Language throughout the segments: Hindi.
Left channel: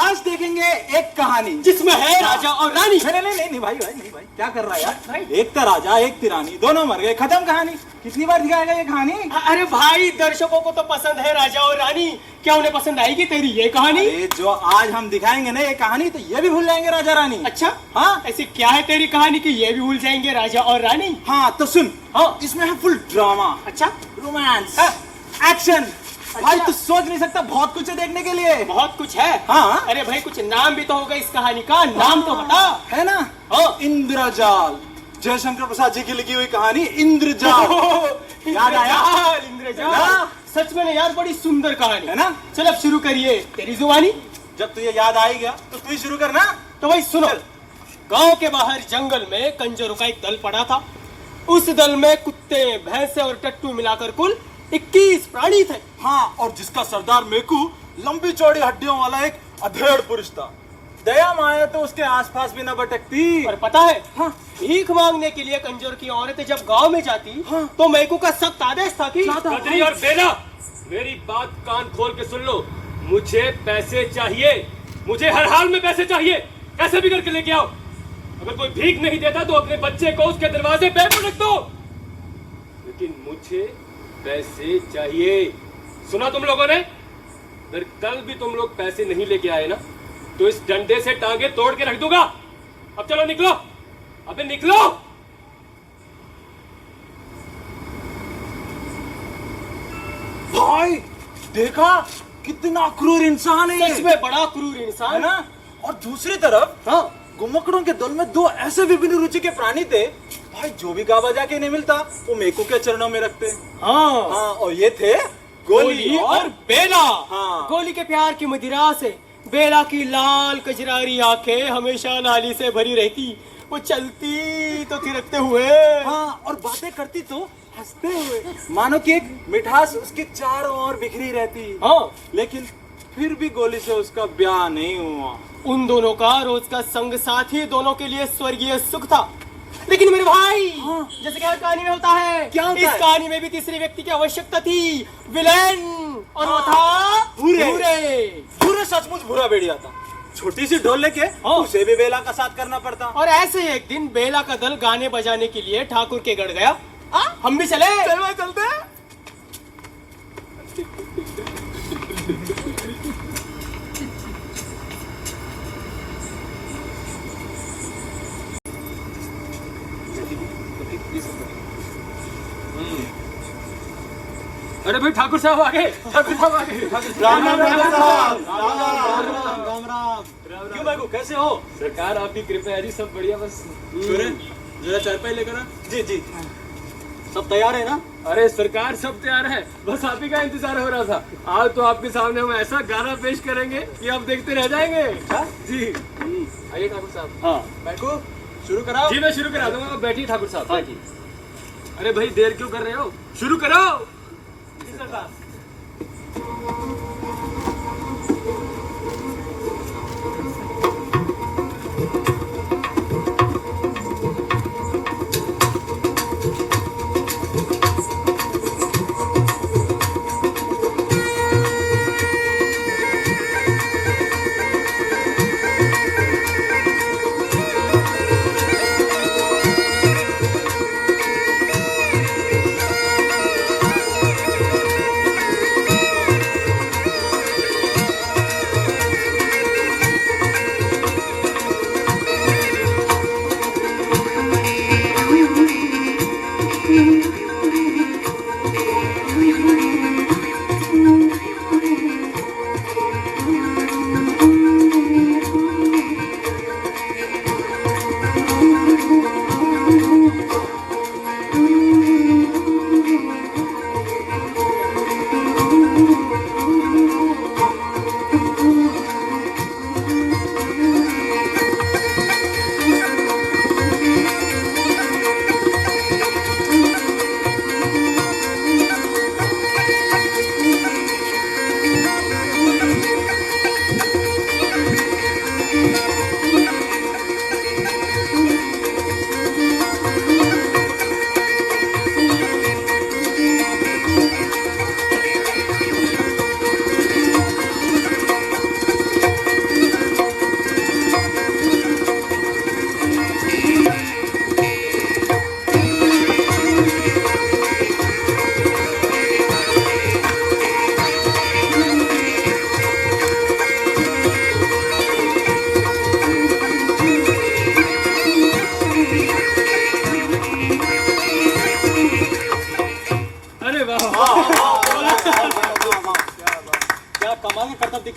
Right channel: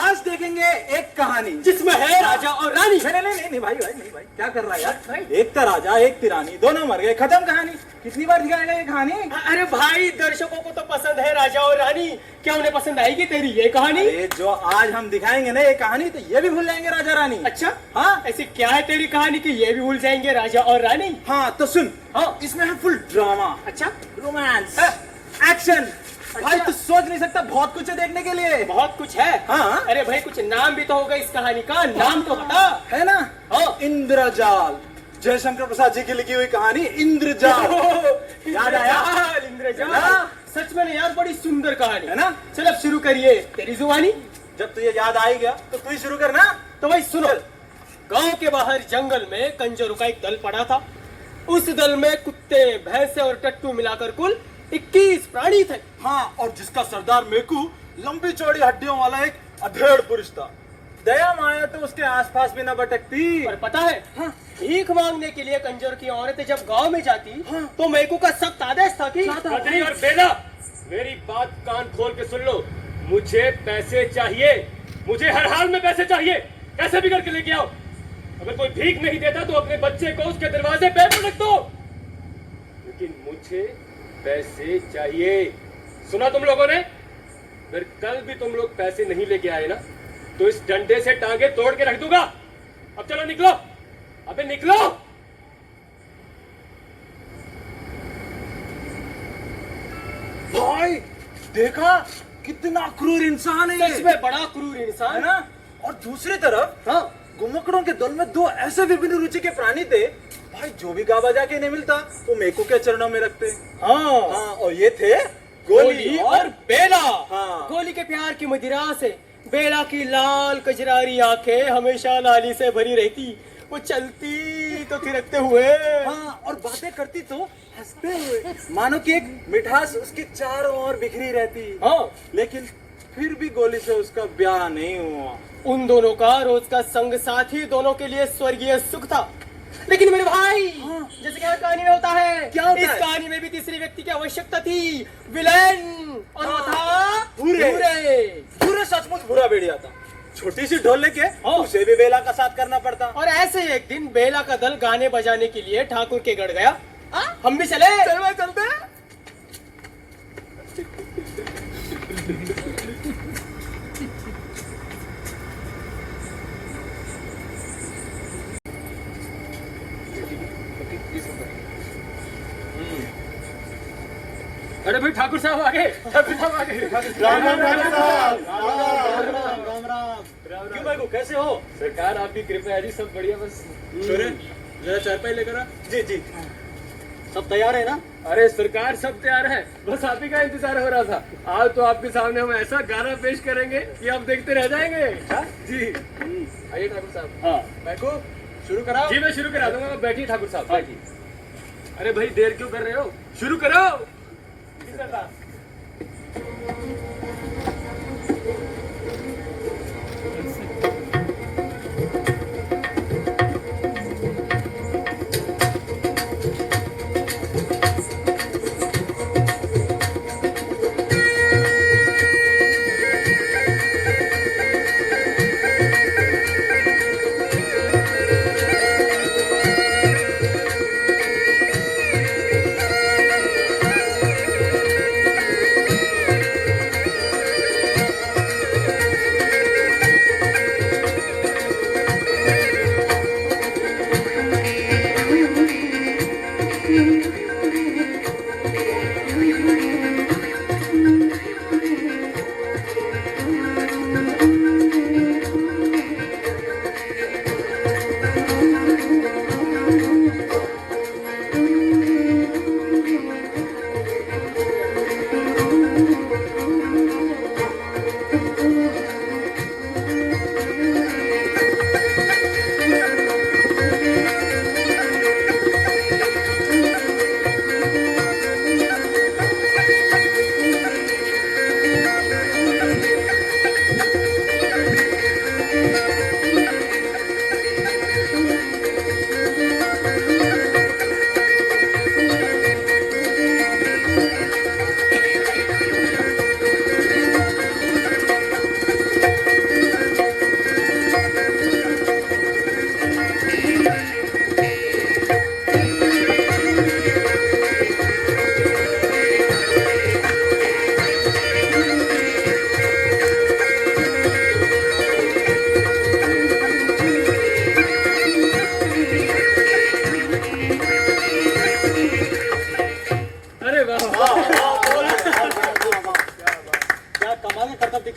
आज देखेंगे एक कहानी जिसमें है राजा और रानी। नहीं भाई क्या कर रहा है यार? एक था राजा एक थी रानी, दोनों मर गए, खत्म कहानी। कितनी बार दिखाएगा ये कहानी? अरे भाई दर्शकों को तो पसंद है राजा और रानी, क्या उन्हें पसंद आएगी तेरी ये कहानी? जो आज हम दिखाएंगे ना ये कहानी, तो ये भी भूल जाएंगे राजा रानी। अच्छा हाँ, ऐसी क्या है तेरी कहानी कि ये भी भूल जाएंगे राजा और रानी? हाँ तो सुन, हाँ इसमें है फुल ड्रामा, अच्छा रोमांस, एक्शन। भाई तू सोच नहीं सकता, बहुत कुछ है देखने के लिए। बहुत कुछ है। हाँ अरे भाई कुछ नाम भी तो होगा इस कहानी का, नाम तो बता। है ना? हाँ, इंद्रजाल, जयशंकर प्रसाद जी की लिखी हुई कहानी इंद्रजाल। याद आया? इंद्रजाल सच में यार बड़ी सुंदर कहानी है ना? चल अब शुरू करिए तेरी जुबानी। जब तुझे याद आएगा तो तू ही शुरू करना। तो भाई सुनो, गांव के बाहर जंगल में कंजरों का एक दल पड़ा था। उस दल में कुत्ते, भैंसे और टट्टू मिलाकर कुल 21 प्राणी थे। हाँ, और जिसका सरदार मेकू लंबी चौड़ी हड्डियों वाला एक अधेड़ पुरुष था। दया माया तो उसके आसपास भी न भटकती। पर पता है, हाँ, भीख मांगने के लिए कंजर की औरतें जब गांव में जाती, हाँ, तो मेकू का सख्त आदेश था कि बद्री और बेला, मेरी बात कान खोल के सुन लो। मुझे पैसे चाहिए, मुझे हर हाल में पैसे चाहिए, कैसे भी करके लेके आओ। अगर कोई भीख नहीं देता तो अपने बच्चे को उसके दरवाजे पे रख दो, लेकिन मुझे पैसे चाहिए। सुना तुम लोगों ने? अगर कल भी तुम लोग पैसे नहीं लेके आए ना, तो इस डंडे से टांगे तोड़ के रख दूंगा। अब चलो निकलो, अबे निकलो। भाई देखा कितना क्रूर इंसान है। सच में बड़ा क्रूर इंसान है ना? और दूसरी तरफ हाँ, गुम्मकड़ों के दल में दो ऐसे विभिन्न रुचि के प्राणी थे। भाई जो भी गा बजा के नहीं मिलता वो मेकू के चरणों में रखते। हाँ, हाँ, और ये थे गोली और बेला। हाँ, गोली के प्यार की मदिरा से बेला की लाल कजरारी आंखें हमेशा नाली से भरी रहती। वो चलती तो थिरकते हुए, हाँ, और बातें करती तो हंसते हुए, मानो कि एक मिठास उसके चारों ओर बिखरी रहती। हाँ, लेकिन फिर भी गोली से उसका ब्याह नहीं हुआ। उन दोनों का रोज का संग साथी दोनों के लिए स्वर्गीय सुख था। लेकिन मेरे भाई, हाँ, जैसे क्या कहानी में होता है, क्या होता इस है? कहानी में भी तीसरे व्यक्ति की आवश्यकता थी, विलेन, और वो था बुरे। बुरे। सचमुच बुरा बेड़िया था। छोटी सी ढोल लेके उसे भी बेला का साथ करना पड़ता। और ऐसे ही एक दिन बेला का दल गाने बजाने के लिए ठाकुर के गढ़ गया। हम भी चले। चलते। अरे भाई ठाकुर साहब आगे, ठाकुर साहब आगे। राम राम ठाकुर साहब, राम राम। क्यों मैकू, कैसे हो? सरकार आपकी कृपा है जी, सब बढ़िया। बस छोरे जरा चारपाई लेकर आ। जी जी, सब तैयार है ना? अरे सरकार सब तैयार है, बस आप ही का इंतजार हो रहा था। आज तो आपके सामने हम ऐसा गाना पेश करेंगे कि आप देखते रह जाएंगे। जी आइए ठाकुर साहब। हाँ मैकू, शुरू कराओ। जी मैं शुरू करा दूंगा, बैठिए ठाकुर साहब बैठिए। अरे भाई देर क्यों कर रहे हो, शुरू करो। जी सरकार।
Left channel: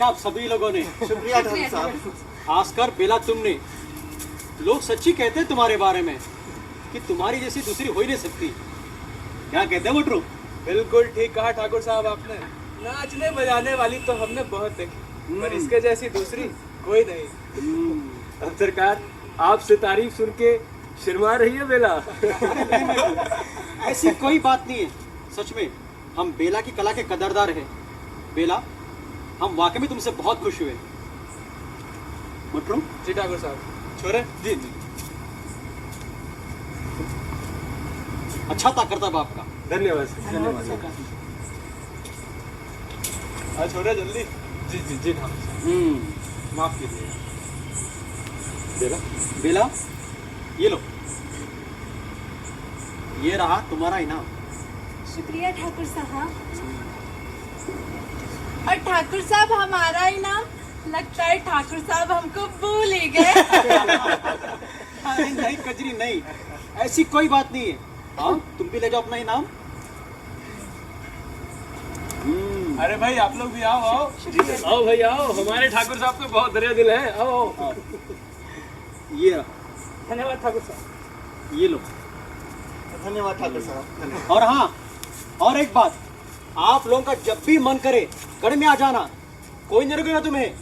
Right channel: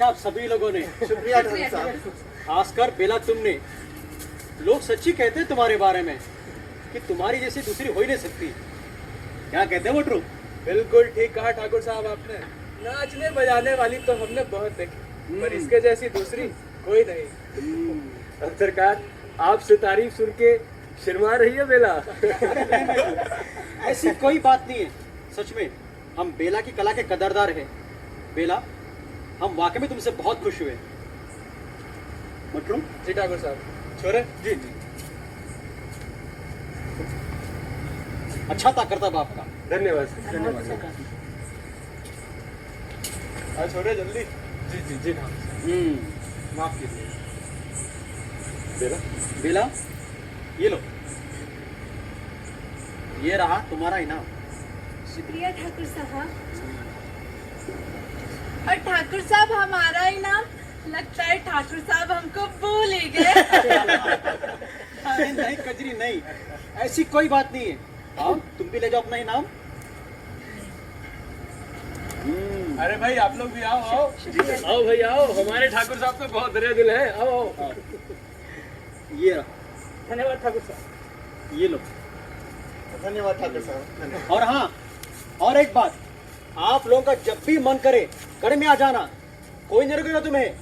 आप सभी लोगों ने। शुक्रिया ठाकुर साहब। खासकर बेला तुमने। लोग सच्ची कहते हैं तुम्हारे बारे में कि तुम्हारी जैसी दूसरी हो ही नहीं सकती। क्या कहते हैं मोटरू? बिल्कुल ठीक कहा ठाकुर साहब आपने। नाचने बजाने वाली तो हमने बहुत देखी, पर इसके जैसी दूसरी कोई नहीं। अब सरकार आपसे तारीफ सुन के शर्मा रही है बेला। ऐसी कोई बात नहीं है। सच में हम बेला की कला के कदरदार हैं। बेला, हम वाकई में तुमसे बहुत खुश हुए। मोटरू? जी ठाकुर साहब। छोरे? जी जी। अच्छा था करतब आपका। धन्यवाद सर, धन्यवाद। छोरे जल्दी। जी जी जी ठाकुर साहब, माफ कीजिए। बेला बेला, ये लो, ये रहा तुम्हारा इनाम। शुक्रिया ठाकुर साहब। और ठाकुर साहब हमारा इनाम? लगता है ठाकुर साहब हमको भूल ही गए। अरे नहीं कजरी नहीं, ऐसी कोई बात नहीं है। आओ तुम भी ले जाओ अपना इनाम। अरे भाई आप लोग भी आओ आओ। आओ भाई आओ, हमारे ठाकुर साहब तो बहुत दरिया दिल है। आओ। ये रहा, धन्यवाद ठाकुर साहब। ये लो। धन्यवाद ठाकुर साहब। और हाँ, और एक बात, आप लोगों का जब भी मन करे गढ़ में आ जाना, कोई नहीं रुकेगा तुम्हें।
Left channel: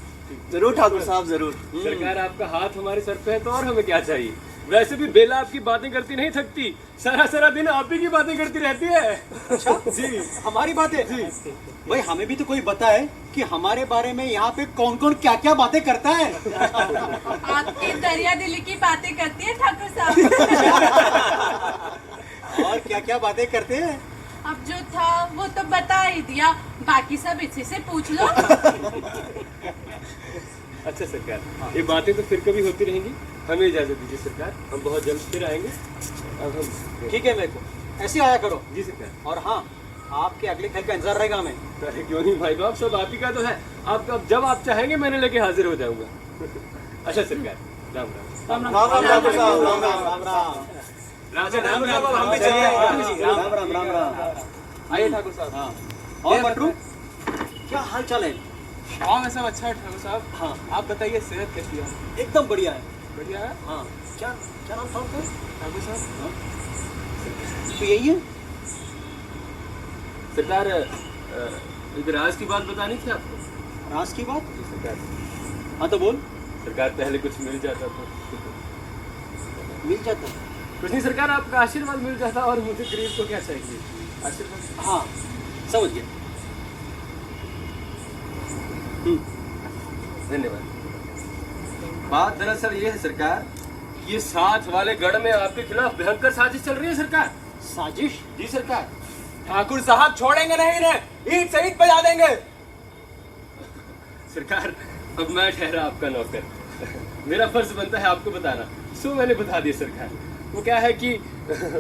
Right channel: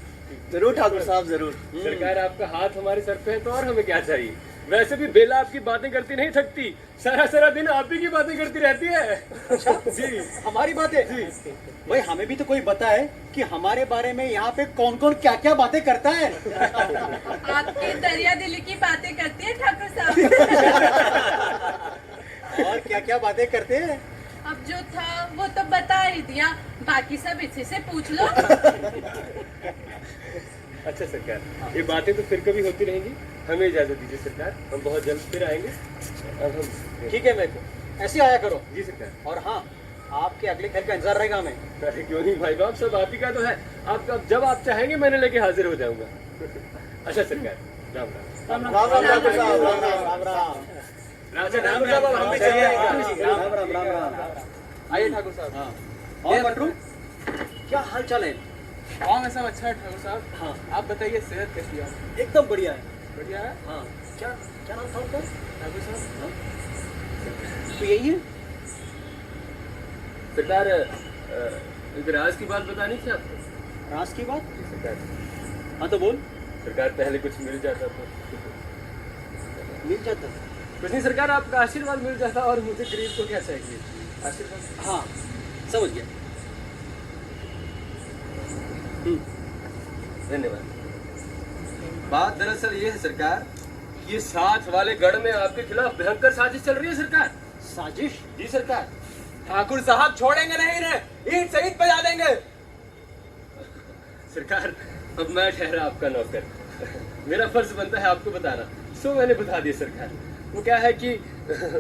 जरूर ठाकुर साहब जरूर। सरकार आपका हाथ हमारे सर पे है तो और हमें क्या चाहिए। वैसे भी बेला आपकी बातें करती नहीं थकती, सारा सारा दिन आप ही की बातें करती रहती है। जी, हमारी बातें जी। भाई हमें भी तो कोई बताए कि हमारे बारे में यहाँ पे कौन कौन क्या क्या बातें करता है। आपकी दरिया दिली की बातें करती है ठाकुर साहब। और क्या क्या बातें करते हैं। अब जो था वो तो बता ही दिया, बाकी सब इसी से पूछ लो। अच्छा सरकार, ये बातें तो फिर कभी होती रहेंगी। हमें इजाजत दीजिए सरकार, हम बहुत जल्द फिर आएंगे। अब हम ठीक है, मेरे को ऐसे आया करो। जी सरकार। और हाँ, आपके अगले खेल का इंतजार रहेगा हमें। अरे क्यों नहीं भाई बाप, सब आप ही का तो है। आप अब जब आप चाहेंगे मैंने लेके हाजिर हो जाऊंगा। अच्छा सरकार, राम राम। राम राम ठाकुर साहब। राम राम राम राम। राजा ठाकुर साहब, अब हम भी चलिए। राम राम राम राम। आइए ठाकुर साहब। हाँ। और बटरू क्या हाल चाल है? गाँव में सब अच्छा है ठाकुर साहब। हाँ आप बताइए सेहत कैसी है? एकदम बढ़िया है। बढ़िया है हाँ क्या क्या नाम था आपका? ठाकुर साहब। तो यही है। सरकार एक राज की बात बतानी थी आपको। राज की बात? जी सरकार। हाँ तो बोल। सरकार पहले कुछ मिल जाता तो मिल जाता। कुछ नहीं सरकार, आपका आशीर्वाद मिल जाता और मुझे गरीब को क्या चाहिए, आशीर्वाद। हाँ समझ गया। धन्यवाद। बात दरअसल ये है सरकार, ये साथ वाले गढ़ में आपके खिलाफ भयंकर साजिश चल रही है सरकार। साजिश? जी सरकार। ठाकुर साहब छोड़ेंगे नहीं इन्हें, ईंट से ईंट बजा देंगे। सरकार अब मैं ठहरा आपका नौकर, मेरा फर्ज बनता है आपको बताना, सो मैंने बता दिया सरकार। वो क्या है कि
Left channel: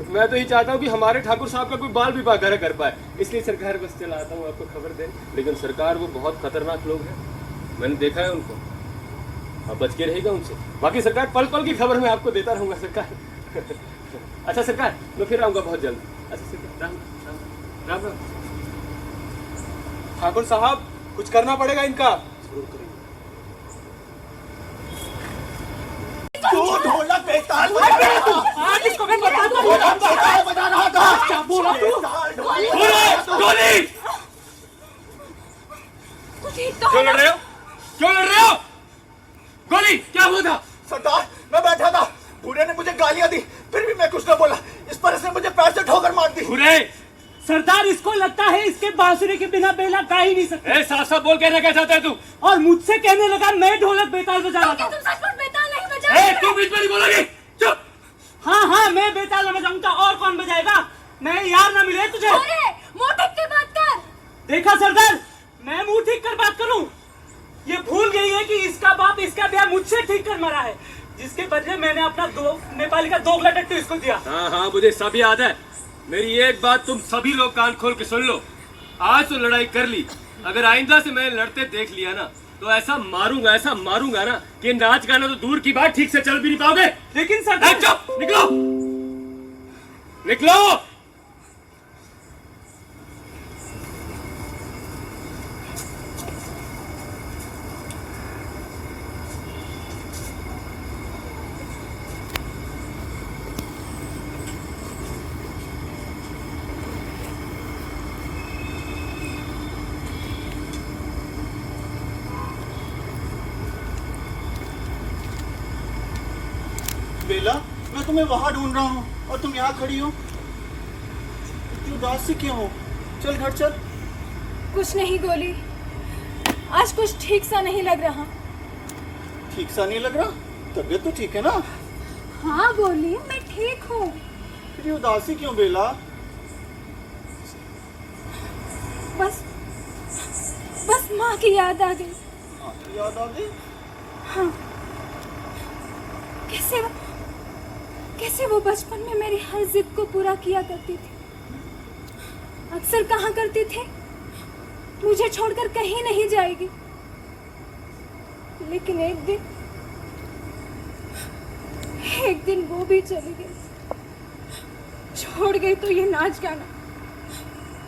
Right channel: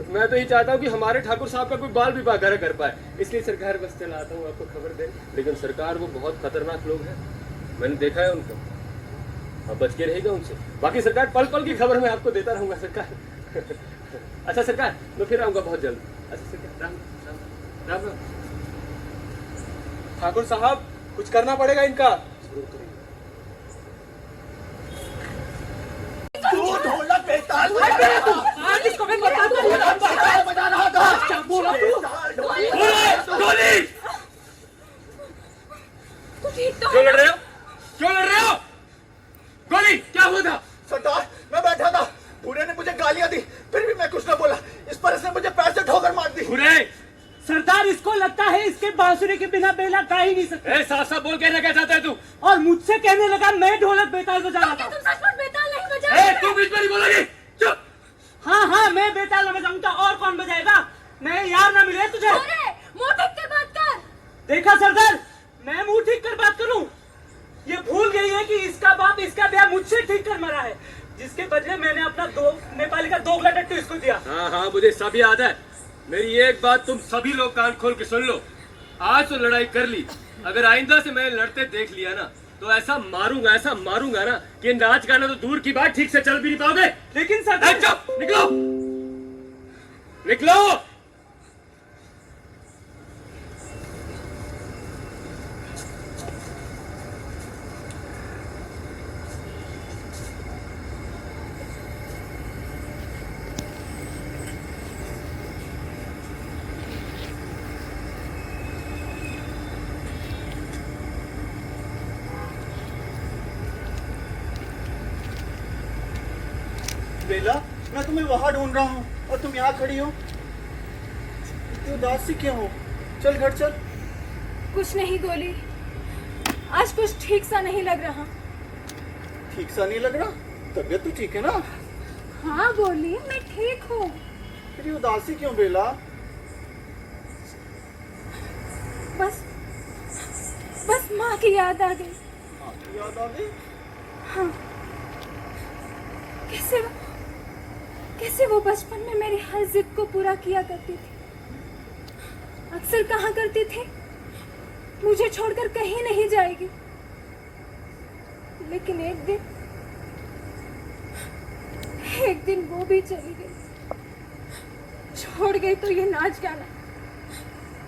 मैं तो ये चाहता हूँ कि हमारे ठाकुर साहब का कोई बाल विवाह घर कर पाए, इसलिए सरकार बस चला आता हूँ आपको खबर देने। लेकिन सरकार वो बहुत खतरनाक लोग हैं, मैंने देखा है उनको, अब बच के रहेगा उनसे। बाकी सरकार पल पल की खबर मैं आपको देता रहूंगा सरकार। अच्छा सरकार, मैं फिर आऊंगा बहुत जल्द। अच्छा सरकार, राम राम राम राम। ठाकुर साहब कुछ करना पड़ेगा इनका। जरूर करेंगे। गोली! तू ठीक तो क्यों है लड़ रहे हो? क्यों लड़ रहे हो? गोली क्या हुआ था? सरदार, मैं बैठा था, बूढ़े ने मुझे गालियां दी, फिर भी मैं कुछ न बोला। इस पर इसने मुझे पैर से ठोकर मार दी। बुरे! सरदार इसको लगता है इसके बांसुरी के बिना बेला गा ही नहीं सकता, ए साफ साफ बोल कहना क्या चाहता है तू? और मुझसे कहने लगा मैं ढोलक बेताल बजा रहा क्या था। तुम सचमुच बेताल नहीं ए बजा? तू बीच में नहीं बोलेगी, चुप! हाँ हाँ मैं बेताल बजाऊंगा, और कौन बजाएगा? मैं यार ना मिले तुझे। अरे मुंह ढक के बात कर। देखा सरदार, मैं मुंह ठीक कर बात करूं? ये भूल गई है कि इसका बाप इसका ब्याह मुझसे ठीक कर मरा है, जिसके बदले मैंने अपना नेपाली का दोगला टट्टू इसको दिया। हाँ हाँ मुझे सब याद है। मेरी एक बात तुम सभी लोग कान खोल के सुन लो, आज तो लड़ाई कर ली, अगर आइंदा से मैं लड़ते देख लिया ना तो ऐसा मारूंगा ना कि नाच गाना तो दूर की बात, ठीक से चल भी नहीं पाओगे। लेकिन सरदार चुप! निकलो निकलो। बेला, मैं तुम्हें वहां ढूंढ रहा हूँ और तुम यहाँ खड़ी हो। इतनी उदास सी क्यों हो? चल घर चल। कुछ नहीं गोली, आज कुछ ठीक सा नहीं लग रहा। ठीक सा नहीं लग रहा? तबीयत तो ठीक है ना? हाँ गोली, मैं ठीक हूँ। फिर ये उदासी क्यों बेला? बस बस माँ की याद आ गई। माँ की याद आ गई? हाँ, कैसे वो बचपन में मेरी हर जिद को पूरा किया करती थी। अक्सर कहा करती थी मुझे छोड़कर कहीं नहीं जाएगी, लेकिन एक दिन वो भी चली गई। छोड़ गई तो ये नाच गाना,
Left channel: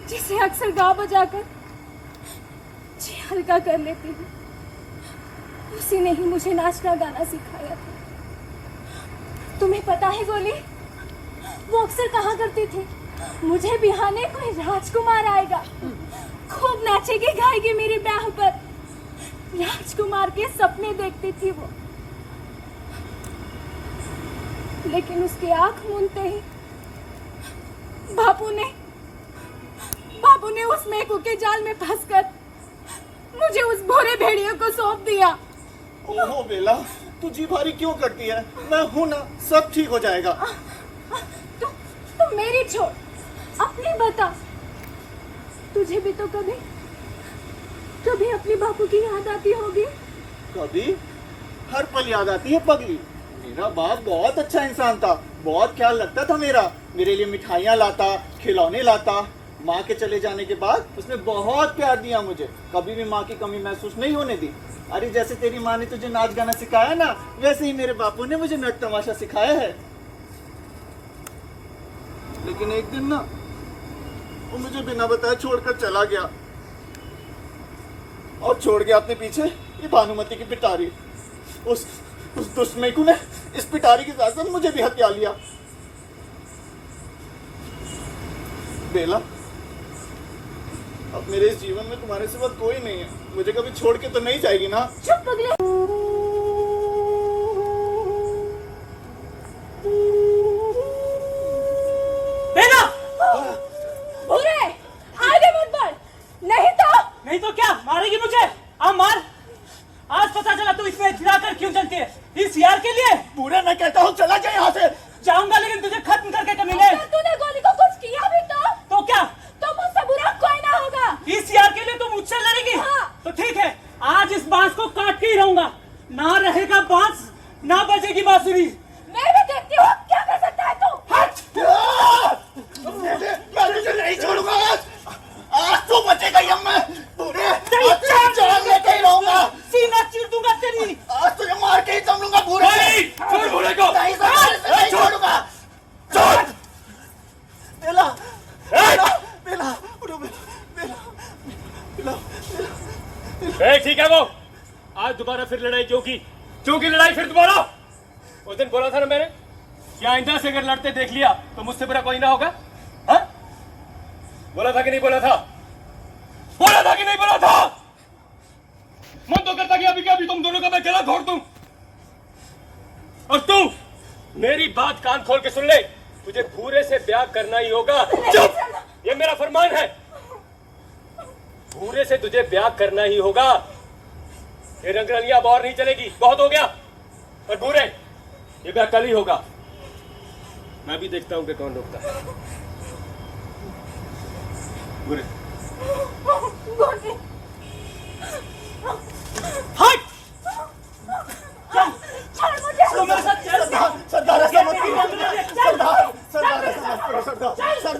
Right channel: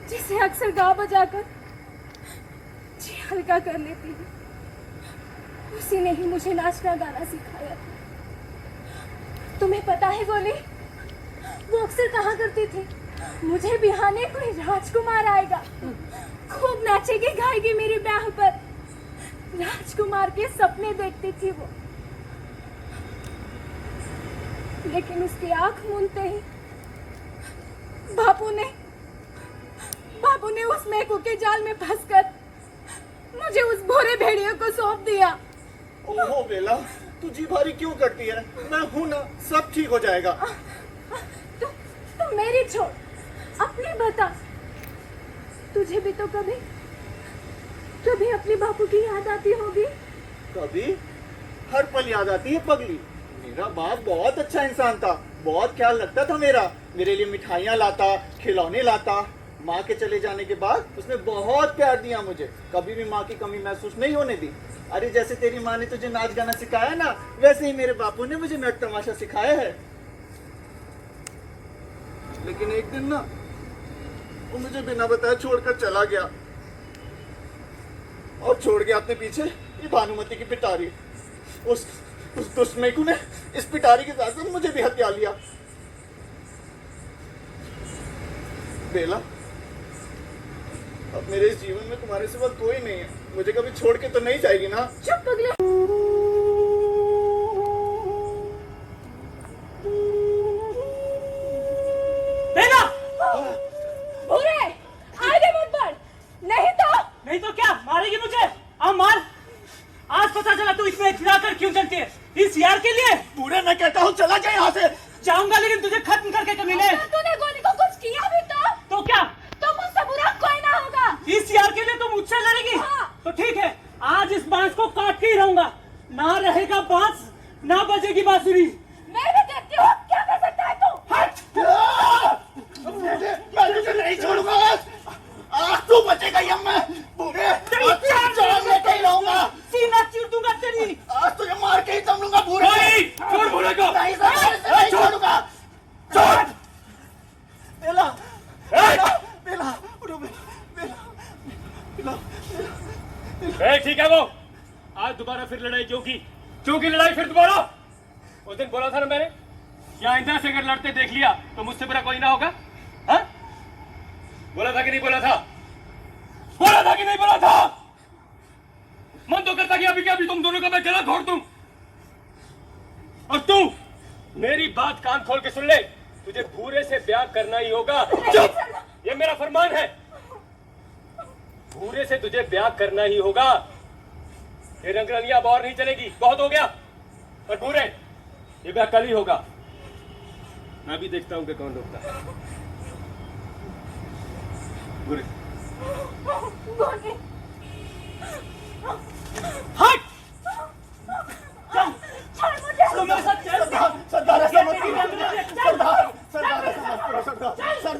जिसे अक्सर गा बजाकर जी हल्का कर लेती हूँ, उसी ने ही मुझे नाचना गाना सिखाया था। तुम्हें पता है गोली, वो अक्सर कहा करती थी मुझे बिहाने कोई राजकुमार आएगा, खूब नाचेगी गाएगी मेरी ब्याह पर। राजकुमार के सपने देखती थी वो, लेकिन उसकी आंख मूंदते ही बापू ने उस मेकू के जाल में फंसकर मुझे उस भोरे भेड़ियों को सौंप दिया। ओहो बेला, तू जी भारी क्यों करती है? मैं हूं ना, सब ठीक हो जाएगा। तू मेरी छोड़, अपनी बता। तुझे भी तो कभी अपने बापू की याद आती होगी। कभी? हर पल याद आती है पगली। मेरा बाप बहुत अच्छा इंसान था, बहुत ख्याल रखता था मेरे लिए मिठाइयाँ लाता, खिलौने लाता। माँ के चले जाने के बाद उसने बहुत प्यार दिया मुझे, कभी भी माँ की कमी महसूस नहीं होने दी। अरे जैसे तेरी माँ ने तुझे नाच गाना सिखाया ना, वैसे ही मेरे बापू ने मुझे नट तमाशा सिखाया है। लेकिन एक दिन ना वो मुझे बिना बताए छोड़कर चला गया। और छोड़ गया अपने पीछे ये भानुमति की पिटारी। उस दुष्ट मेकू ने इस पिटारी के साथ साथ मुझे भी हत्या लिया। बेला, अब मेरे इस जीवन में तुम्हारे सिवा कोई नहीं है। मुझे कभी छोड़ के तो नहीं जाएगी ना? चुप पगले। बेला, भूरे, आगे मत बढ़, नहीं तो क्या मारेगी मुझे? हाँ मार। आज पता चला तू इतना फिराकर क्यों चलती है, इस यार के लिए। पूरा मैं कहता हूँ चला जाए यहाँ से। जाऊंगा लेकिन तुझे खत्म करके कमीने। अगर तूने गोली को कुछ किया भी तो क्या? तो मुझसे बुरा कोई ना होगा। इस यार के लिए तुम मुझसे लड़ेगी? हाँ। तो ठीक है, आज इस बांस को काट के ही रहूंगा। ना रहेगा बांस, ना बजेगी बांसुरी। मैं भी देखती हूँ क्या कर सकता है तू। हट! मैं तुझे नहीं छोड़ूंगा। आज तू बचेगा यम्मे। पूरे जान लेके ही रहूंगा। सीना चीर दूंगा तेरी। आज तुझे मार के ही दम लूंगा। पूरे छोड़ भूरे को। नहीं छोड़ूंगा। छोड़। बेला, बेला, बेला, उठो बेला, बेला, बेला। ठीक है वो। आज दोबारा फिर लड़ाई क्यों की लड़ाई फिर दोबारा? उस दिन बोला था ना मैंने, क्या आइंदा से अगर लड़ते देख लिया तो मुझसे बुरा कोई ना होगा? हाँ? बोला था कि नहीं बोला था? बोला था कि नहीं बोला था? मन तो करता कि अभी क्या अभी तुम दोनों का मैं गला फोड़ दूं। और तू मेरी बात कान खोल के सुन ले, तुझे भूरे से ब्याह करना ही होगा। चुप! ये मेरा फरमान है। भूरे से तुझे ब्याह करना ही होगा। ये रंगरलियां अब और नहीं चलेगी, बहुत हो गया। और भूरे, ये ब्याह कल ही होगा। मैं भी देखता हूं कि कौन रोकता है। भूरे, हट! छोड़ मुझे। तुम्हारे साथ चल। सरदार ऐसा मत करो। सरदार ऐसा मत करो। सरदार ऐसा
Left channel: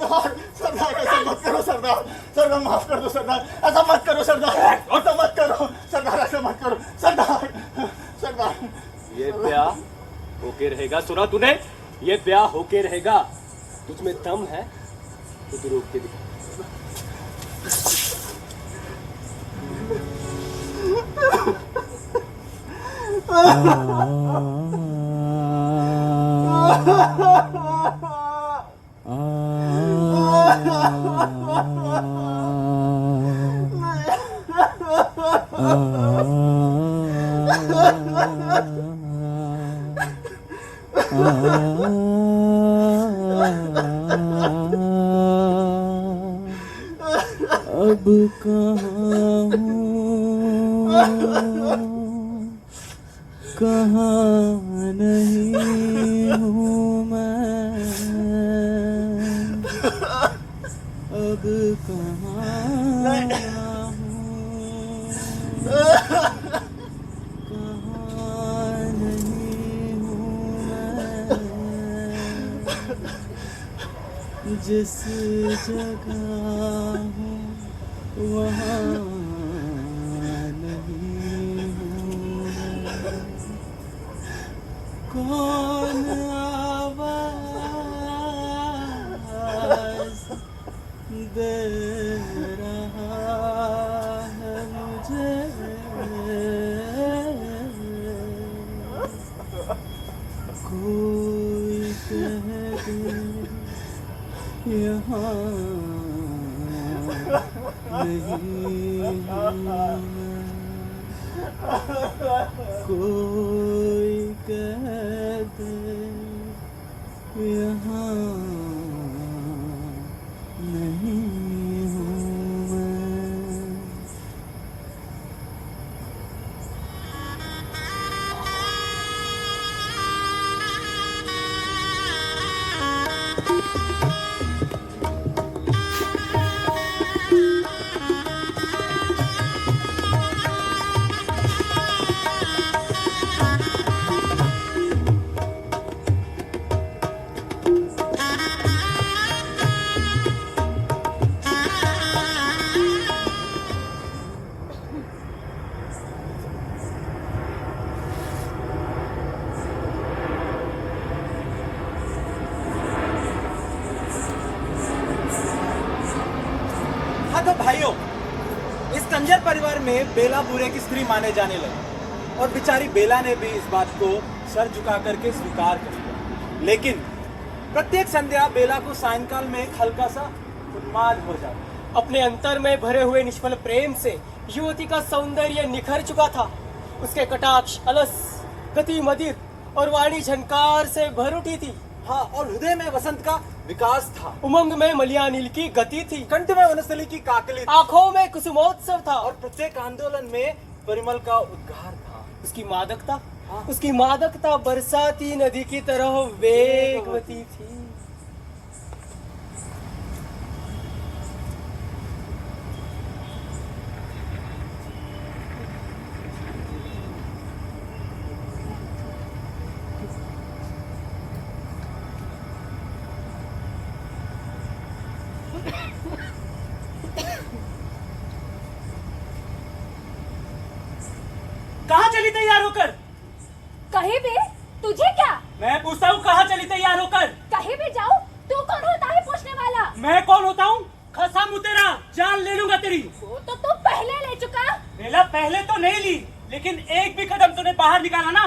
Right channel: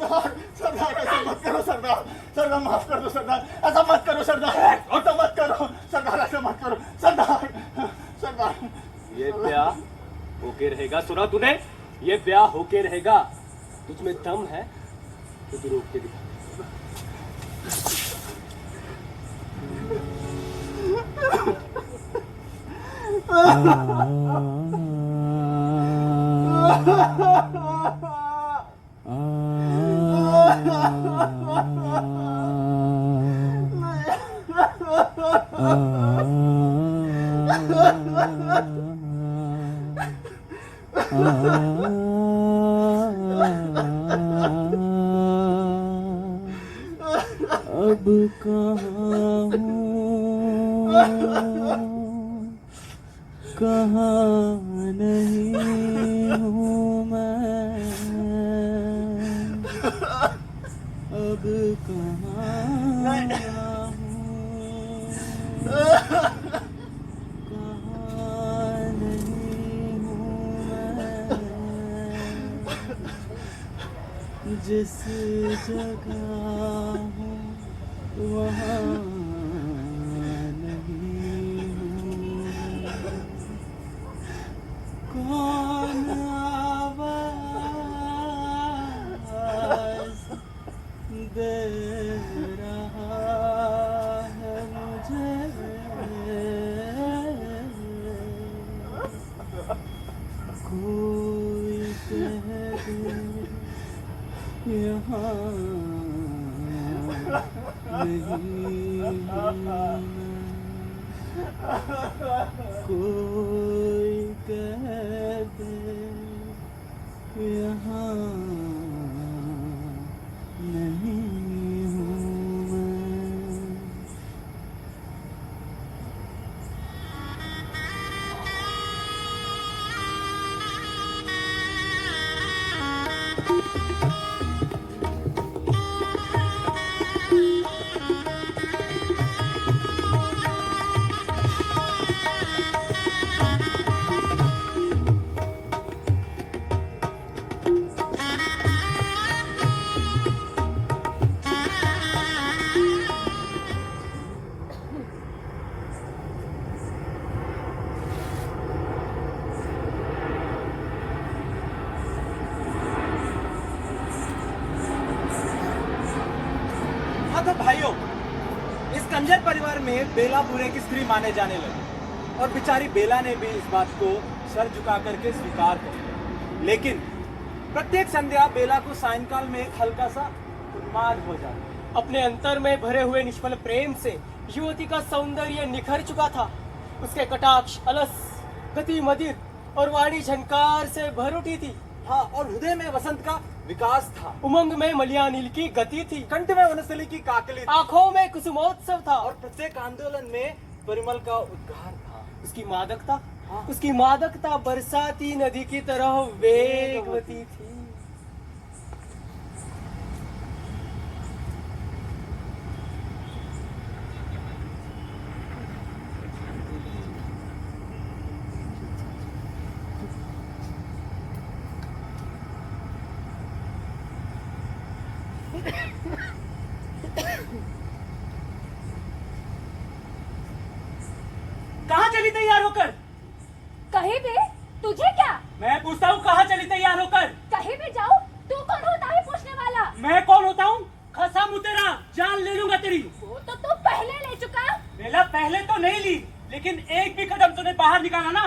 मत करो। सरदार माफ कर दो। सरदार ऐसा मत करो। सरदार ऐसा मत करो। सरदार ऐसा मत करो। सरदार ये ब्याह होके रहेगा। सुना तूने? ये ब्याह होके रहेगा। तुझमें दम है तो तू रोक के दिखा। अब कहाँ नहीं हूँ मैं, अब कहाँ नहीं हूँ मैं, जिस जगह हूँ वहाँ नहीं हूँ मैं। कौन आवाज़ दे रहा है मुझे, कोई कह दे यहाँ नहीं हूँ मैं, कोई कह दे यहाँ नहीं हूँ मैं। गुर्जर परिवार में बेला बुरे की स्त्री माने जाने लगी और बेचारी बेला ने भी इस बात को सर झुका करके स्वीकार किया। लेकिन प्रत्येक संध्या बेला को सायंकाल में एक हल्का सा उन्माद हो जाता। अपने अंतर में भरे हुए निष्फल प्रेम से युवती का सौंदर्य निखर चुका था। उसके कटाक्ष अलस, गति मदिर और वाणी झनकार से भर उठी थी। हाँ, और हृदय में वसंत का विकास था। उमंग में मलियानिल की गति थी। कंठ में वनस्थली की काकली थी। आंखों में कुसुमोत्सव था। और प्रत्येक आंदोलन में परिमल का उद्गार था। उसकी मादकता बरसाती नदी की तरह वेगवती थी। कहाँ चली तैयार होकर? कहीं भी? तुझे क्या? मैं पूछता हूँ कहाँ चली तैयार होकर? कहीं भी जाऊँ? तू कौन होता है पूछने वाला? मैं कौन होता हूँ? खसा मुँह तेरा, जान ले लूंगा तेरी। वो तो तू पहले ले चुका। बेला पहले तो नहीं ली, लेकिन एक भी कदम तूने बाहर निकाला ना,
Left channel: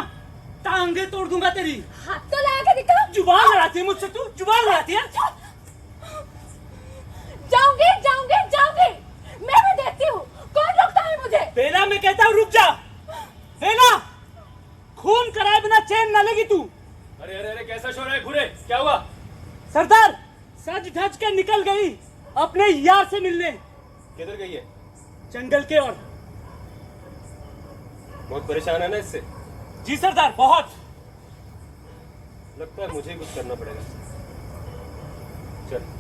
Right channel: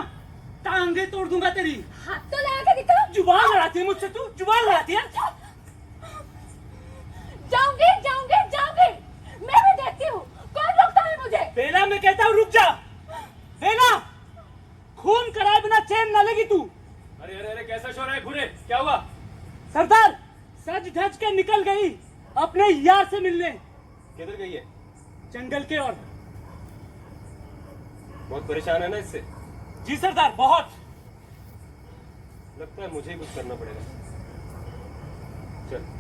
टांगे तोड़ दूंगा तेरी। हाथ तो लगा के दिखा। जुबान लड़ाती है मुझसे तू, जुबान लड़ाती है। जाऊंगी जाऊंगी जाऊंगी, मैं भी देखती हूँ कौन रोकता है मुझे। बेला मैं कहता हूँ रुक जा। बेला, खून कराए बिना चैन न लेगी तू। अरे अरे अरे कैसा शोर है घूरे, क्या हुआ? सरदार सज धज के निकल गई अपने यार से मिलने। किधर गई है? जंगल के ओर। बहुत परेशान है ना इससे? जी सरदार, बहुत। लगता है मुझे ही कुछ करना पड़ेगा। चल।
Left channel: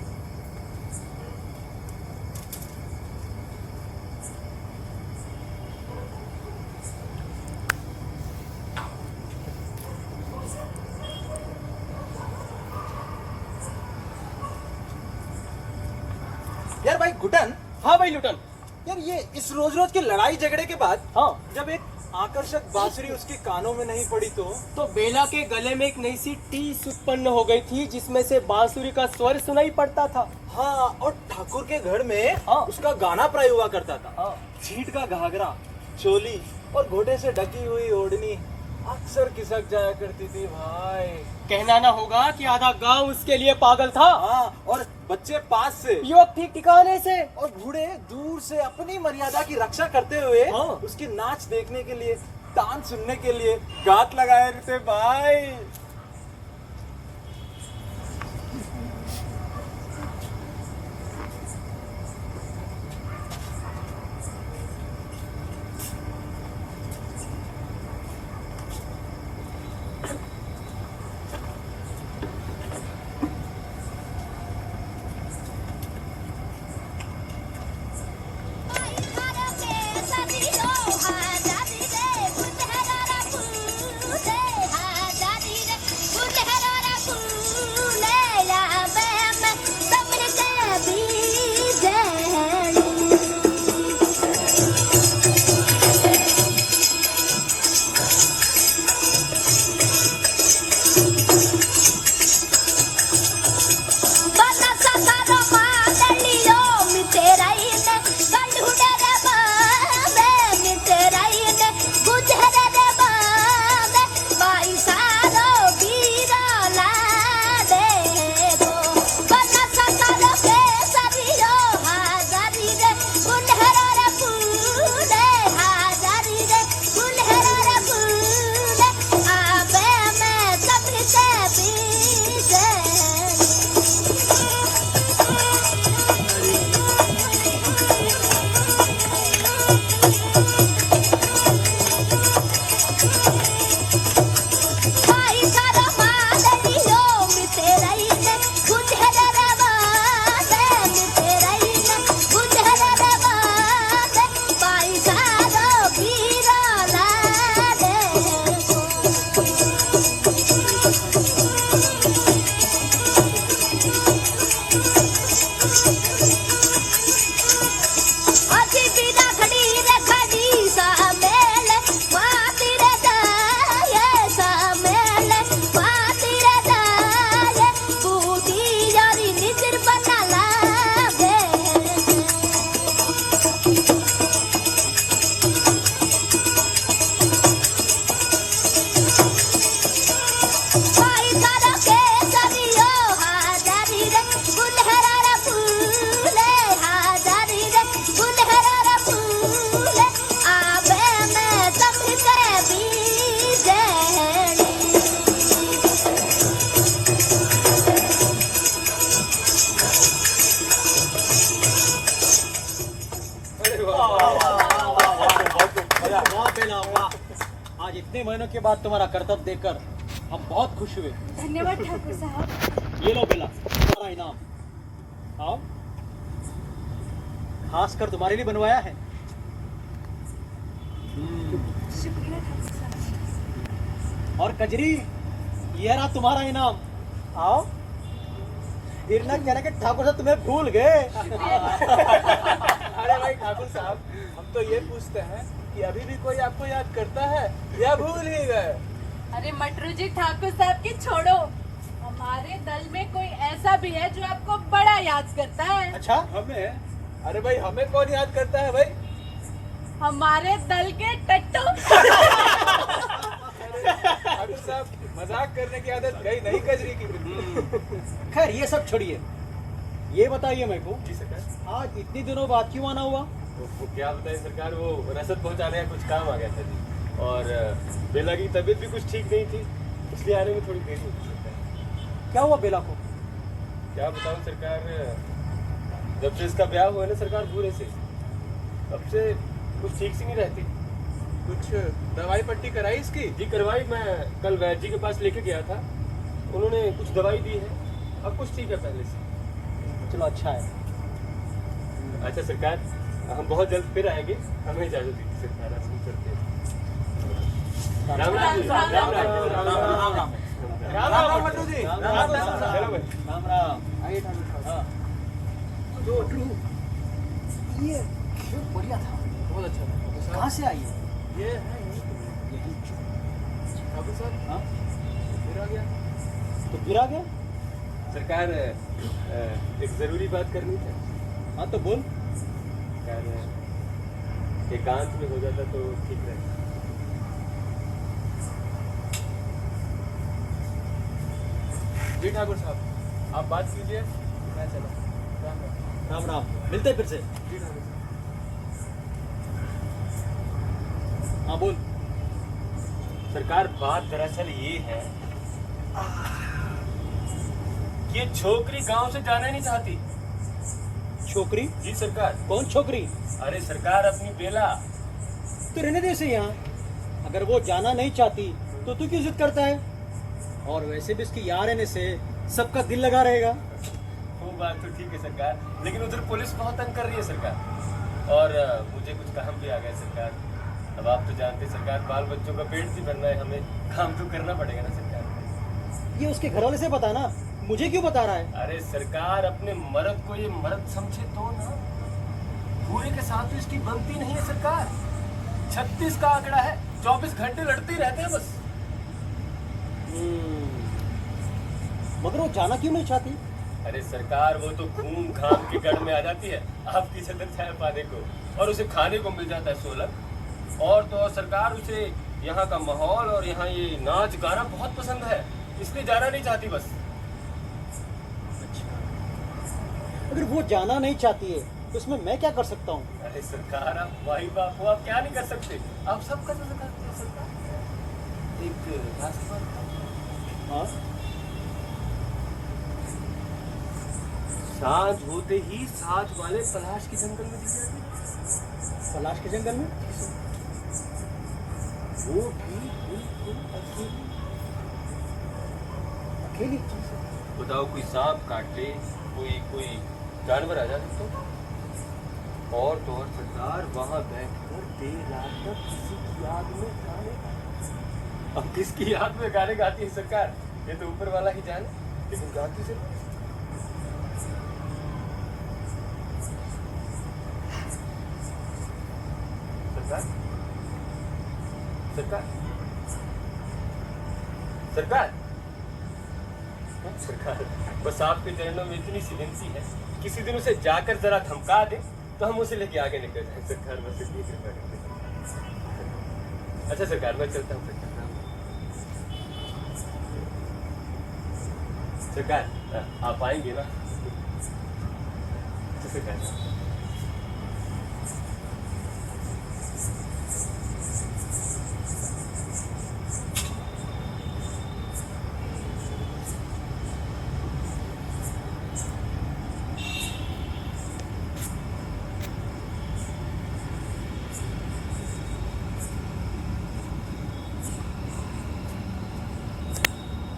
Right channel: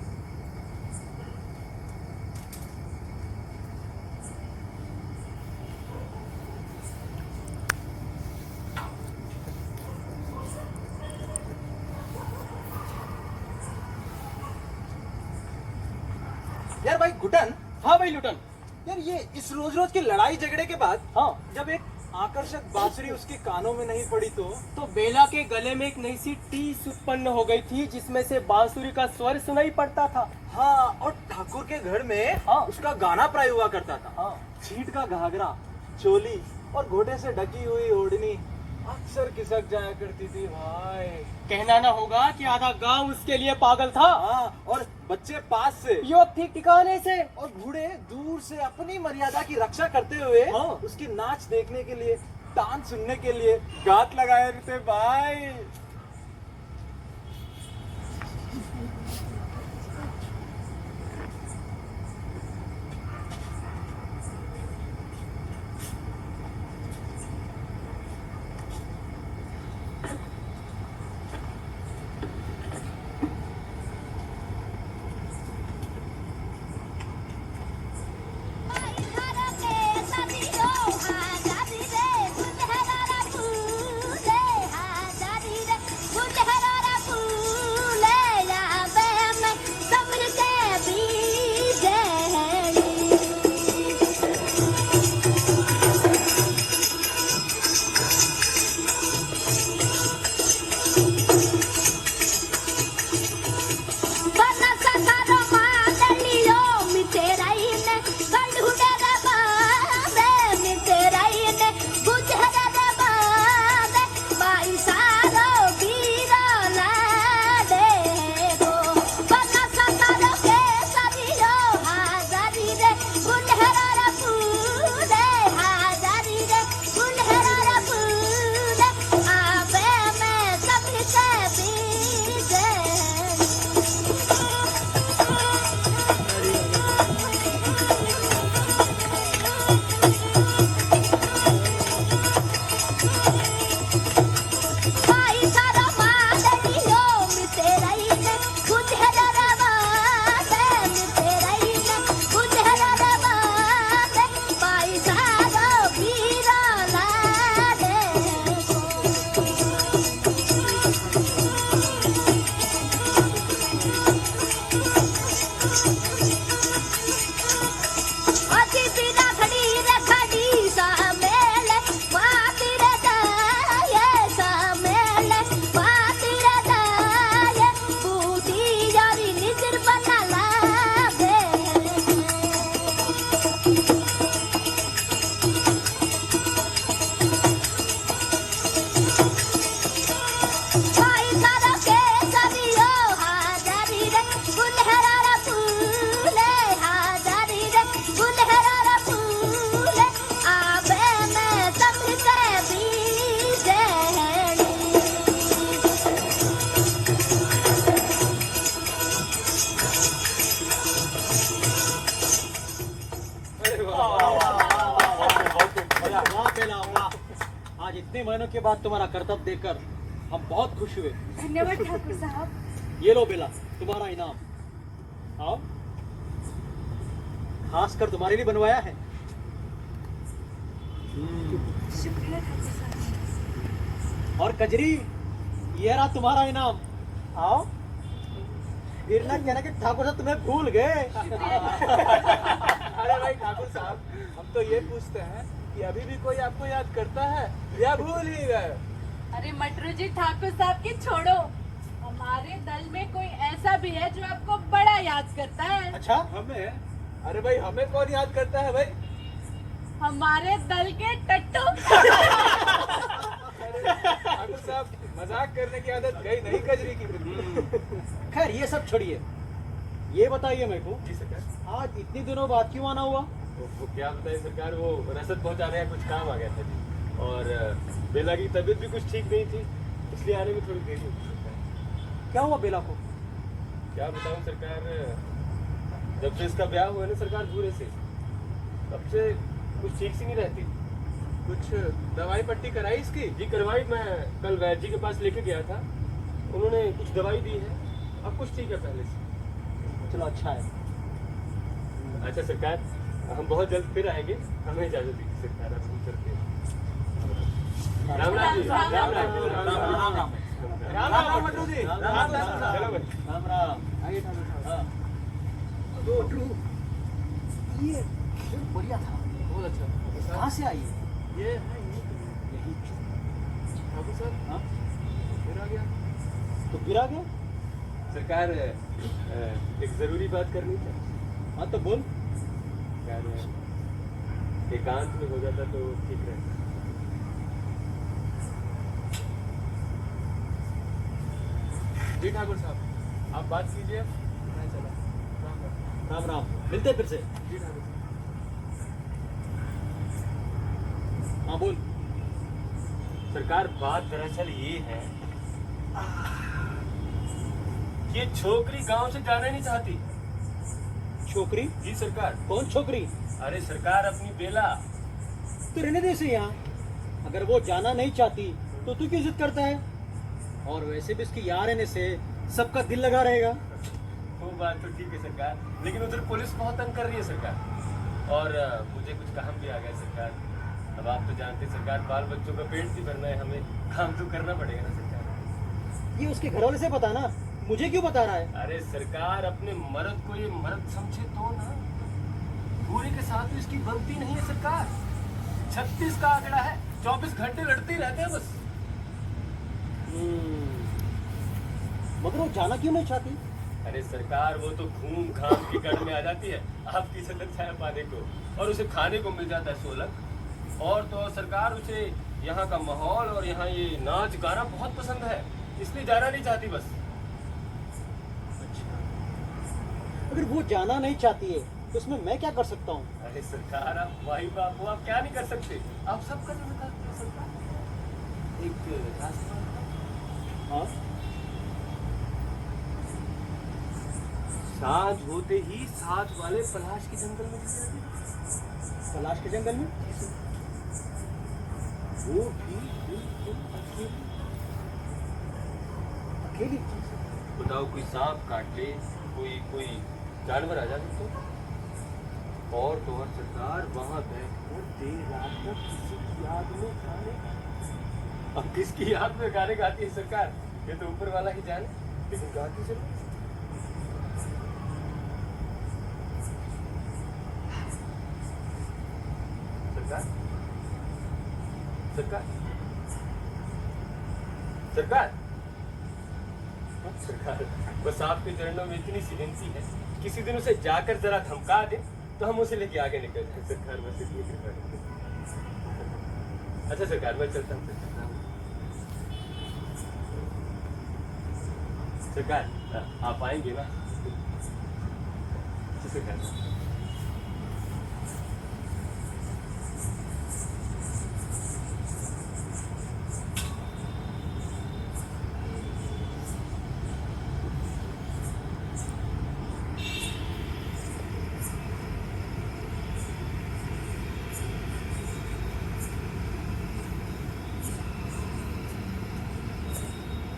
यार भाई गुटन, हाँ भाई लुटन। यार ये इस रोज रोज की लड़ाई झगड़े के बाद हाँ, जब एक आकर्षक बांसुरी उसके कानों में नहीं पड़ी तो बेला के गले में एक नई सी टीस उत्पन्न हो गई थी, जिसमें से बांसुरी का स्वर सुनाई पड़ता था। हाँ, और ठाकुर के घर में हाँ। उसका गाना प्राय हुआ करता था। हाँ। छींट का घाघरा, चोली और घोड़े से ढकी हुई ओढ़नी अक्सर खिसक जाया करती थी भाई। कहना ना होगा कि आधा गांव उसके लिए पागल था। हाँ, और बच्चे पास से, युवक ठीक ठिकाने से, और बूढ़े दूर से अपनी मर्यादा की रक्षा करते हुए हाँ। उसकी नाच देखने के लिए, तान सुनने के लिए गात लगाए रहते भाई। इतने महीनों के बाद तुम्हारा कर्तव्य देखकर हम बहुत खुश हुए। धन्यवाद ठाकुर साहब। ये लो बेला, तुम्हारा इनाम। आओ, खास कर तुम्हारे लिए बनवाया है। शुक्रिया ठाकुर साहब। और कजरी, ये रहा तुम्हारा इनाम। आओ। गिरना कहना कि ठाकुर साहब तुम्हें भूल गए। अरे भाई ठाकुर साहब, हम तो ये पूछते हैं कि अभी भी कोई आपको याद करता है या भूल ही गए? अरे मटरू जी, ठाकुर साहब की छोड़ो, हमारे दल में कोई ऐसा भी है जो आपको बड़ा याद करता है। अच्छा, हमें? अरे भाई हमें कौन याद करता है भाई? हमारे दल के टट्टू। ठाकुर साहब, मजाक करने की आदत गई नहीं कजरी की। खैर ये सब छोड़िए, ये बताइए मेरे को, जी सरकार। आज इतनी दिनों बाद क्यों आना हुआ? वो क्या बताएं सरकार, वो रसद पहुंचाने का कुछ काम आ गया था जी। और बेला की तबीयत भी कुछ ठीक नहीं थी, इसलिए आने में थोड़ी देरी हुई सरकार। क्या हुआ बेला को? क्या बताऊं सरकार, जब से इसका ब्याह हुआ है ना सरकार पूरे से, तब से कुछ ठीक सी नहीं रहती। कुछ दवाई पट्टी कराई इसकी? जी करवाई, मैं कल वैद्य जी के पास लेके गया था, उन्होंने कुछ दवाई दी है, अब कुछ ठीक है पहले से। चलो अच्छा है। अच्छा सरकार, हम बहुत जल्द फिर आएंगे, हमें इजाजत दीजिए सरकार, आज हम चलते हैं। राम राम जी, राम राम राम राम। राम राम मटरू जी। चलो भाई। राम राम। आइए ठाकुर साहब। तो ये बढ़िया था, बहुत अच्छा ठाकुर साहब। कहाँ से आई है? ये है यही। ठाकुर साहब, हाँ? फिर आ गया। तो गिरा गया? सरकार, एक जरूरी बात करनी है हाँ तो बोल। सरकार, एकांत में हो जाता तो ठीक रहता। जी ठाकुर साहब, आप बात कीजिए, मैं चला। राम राम। राम राम, मिलते हैं फिर से। जी ठाकुर साहब। हाँ बोल। सरकार, बात दरअसल ये है कि ये छोकरी गांव से जाना नहीं चाहती। छोकरी? जी सरकार। कौन छोकरी? अरे सरकार, अपनी बेला। तो रहने दे इसे यहाँ, अगर वो जाना नहीं चाहती तो तू क्यों जिद करता है? और वैसे भी इसकी यहाँ रहने से सबका दिल लगा रहेगा। वो बात तो ठीक है सरकार, लेकिन उधर पुलिस बहुत तंग कर रही है सरकार, और मुझे कुछ काम भी आ गया सरकार। अब आप तो जानते हैं सरकार, बाल बच्चों का पेट भी भरना है, हमें काम तो करना पड़ेगा ना सरकार। ये उसके घर वाले से बता ना, मुझे क्यों बता रहा है? अरे सरकार, अपने मर्द को ये मर्द समझे तो ना, पूरे के साथ तो इसकी बनती नहीं है सरकार। 36 का आंकड़ा है, 24 घंटे लड़ते ही रहते हैं बस। मगर वो जाना क्यों नहीं चाहती? अरे सरकार, वो तो घूम घाम के गढ़ में आ जाती है आपकी छतन छाया पाने को, और उसे खाने को मिल जाता है सोलह। और तो और सरकार, उसे यहाँ का माहौल और यहाँ ये नाच गाना बहुत पसंद है, इसलिए जाना नहीं चाहती बस। अगर वो जाना नहीं चाहती है तो उसमें मैं क्या कर सकता हूँ? अरे सरकार, आप माई बाप हो, आप क्या नहीं कर सकते, आप सब कर सकते हैं सरकार। एक रास्ता, हाँ? सांझ होते ही साथ वाले पलाश के जंगल में चले जाते हैं। पलाश के जंगल में? वो भी बिल्कुल अकेली। अकेली? बताओ, कोई सांप काट ले, कोई जानवर आ जाए तो। और तो और सरकार, वहां बैठकर देर रात तक किसी की याद में गाने। अब किसकी याद में गाने गाती है सरकार, ये तो ऊपर वाला ही जाने, लेकिन गाती से सरकार। सरकार, सरकार, सरकार, बस आपके चरणों में इतनी सी विनती है, किसी दिन उसे जाकर जरा धमका दे तो हम उसे लेके आगे निकल जाए सरकार, बस इतनी कृपा करें। अच्छा सरकार, मैं चलता हूँ सरकार, आप आएंगे ना? अच्छा सरकार।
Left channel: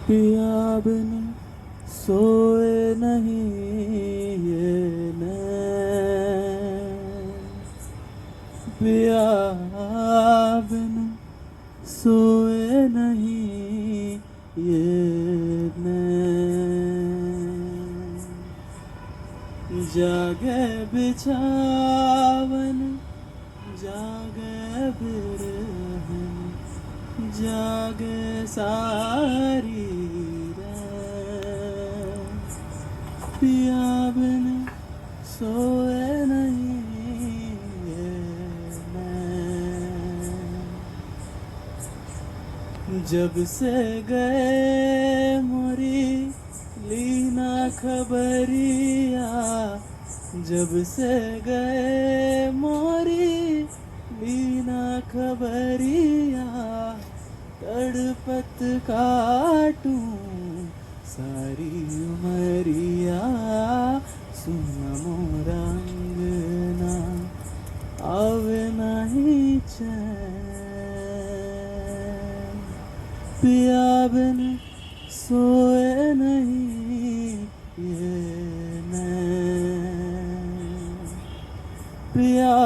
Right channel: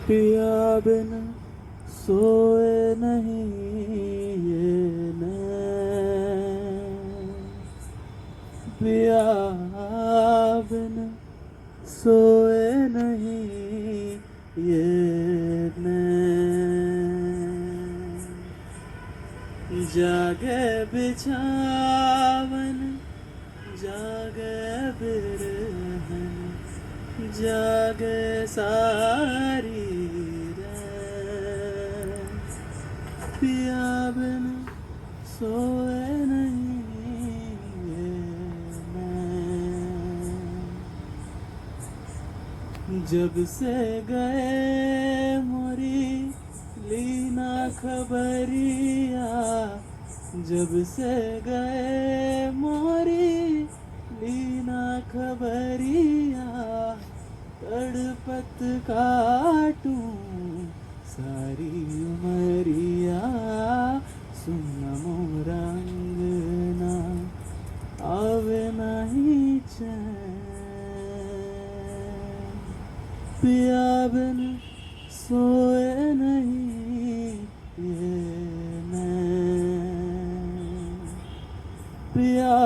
पिया बिन सोए नहीं ये नैन, पिया बिन सोए नहीं ये नैन, जागे बिछावन जागे बिरहन, जागे सारी रात, पिया बिन सोए नहीं ये नैन। जब से गए मोरी लीना खबरिया, जब से गए मोरी लीना खबरिया, तड़पत काटूं सारी उमरिया, सुन मोरा अंगना आवे नहीं चैन, पिया बिन सोए नहीं ये नैन, पिया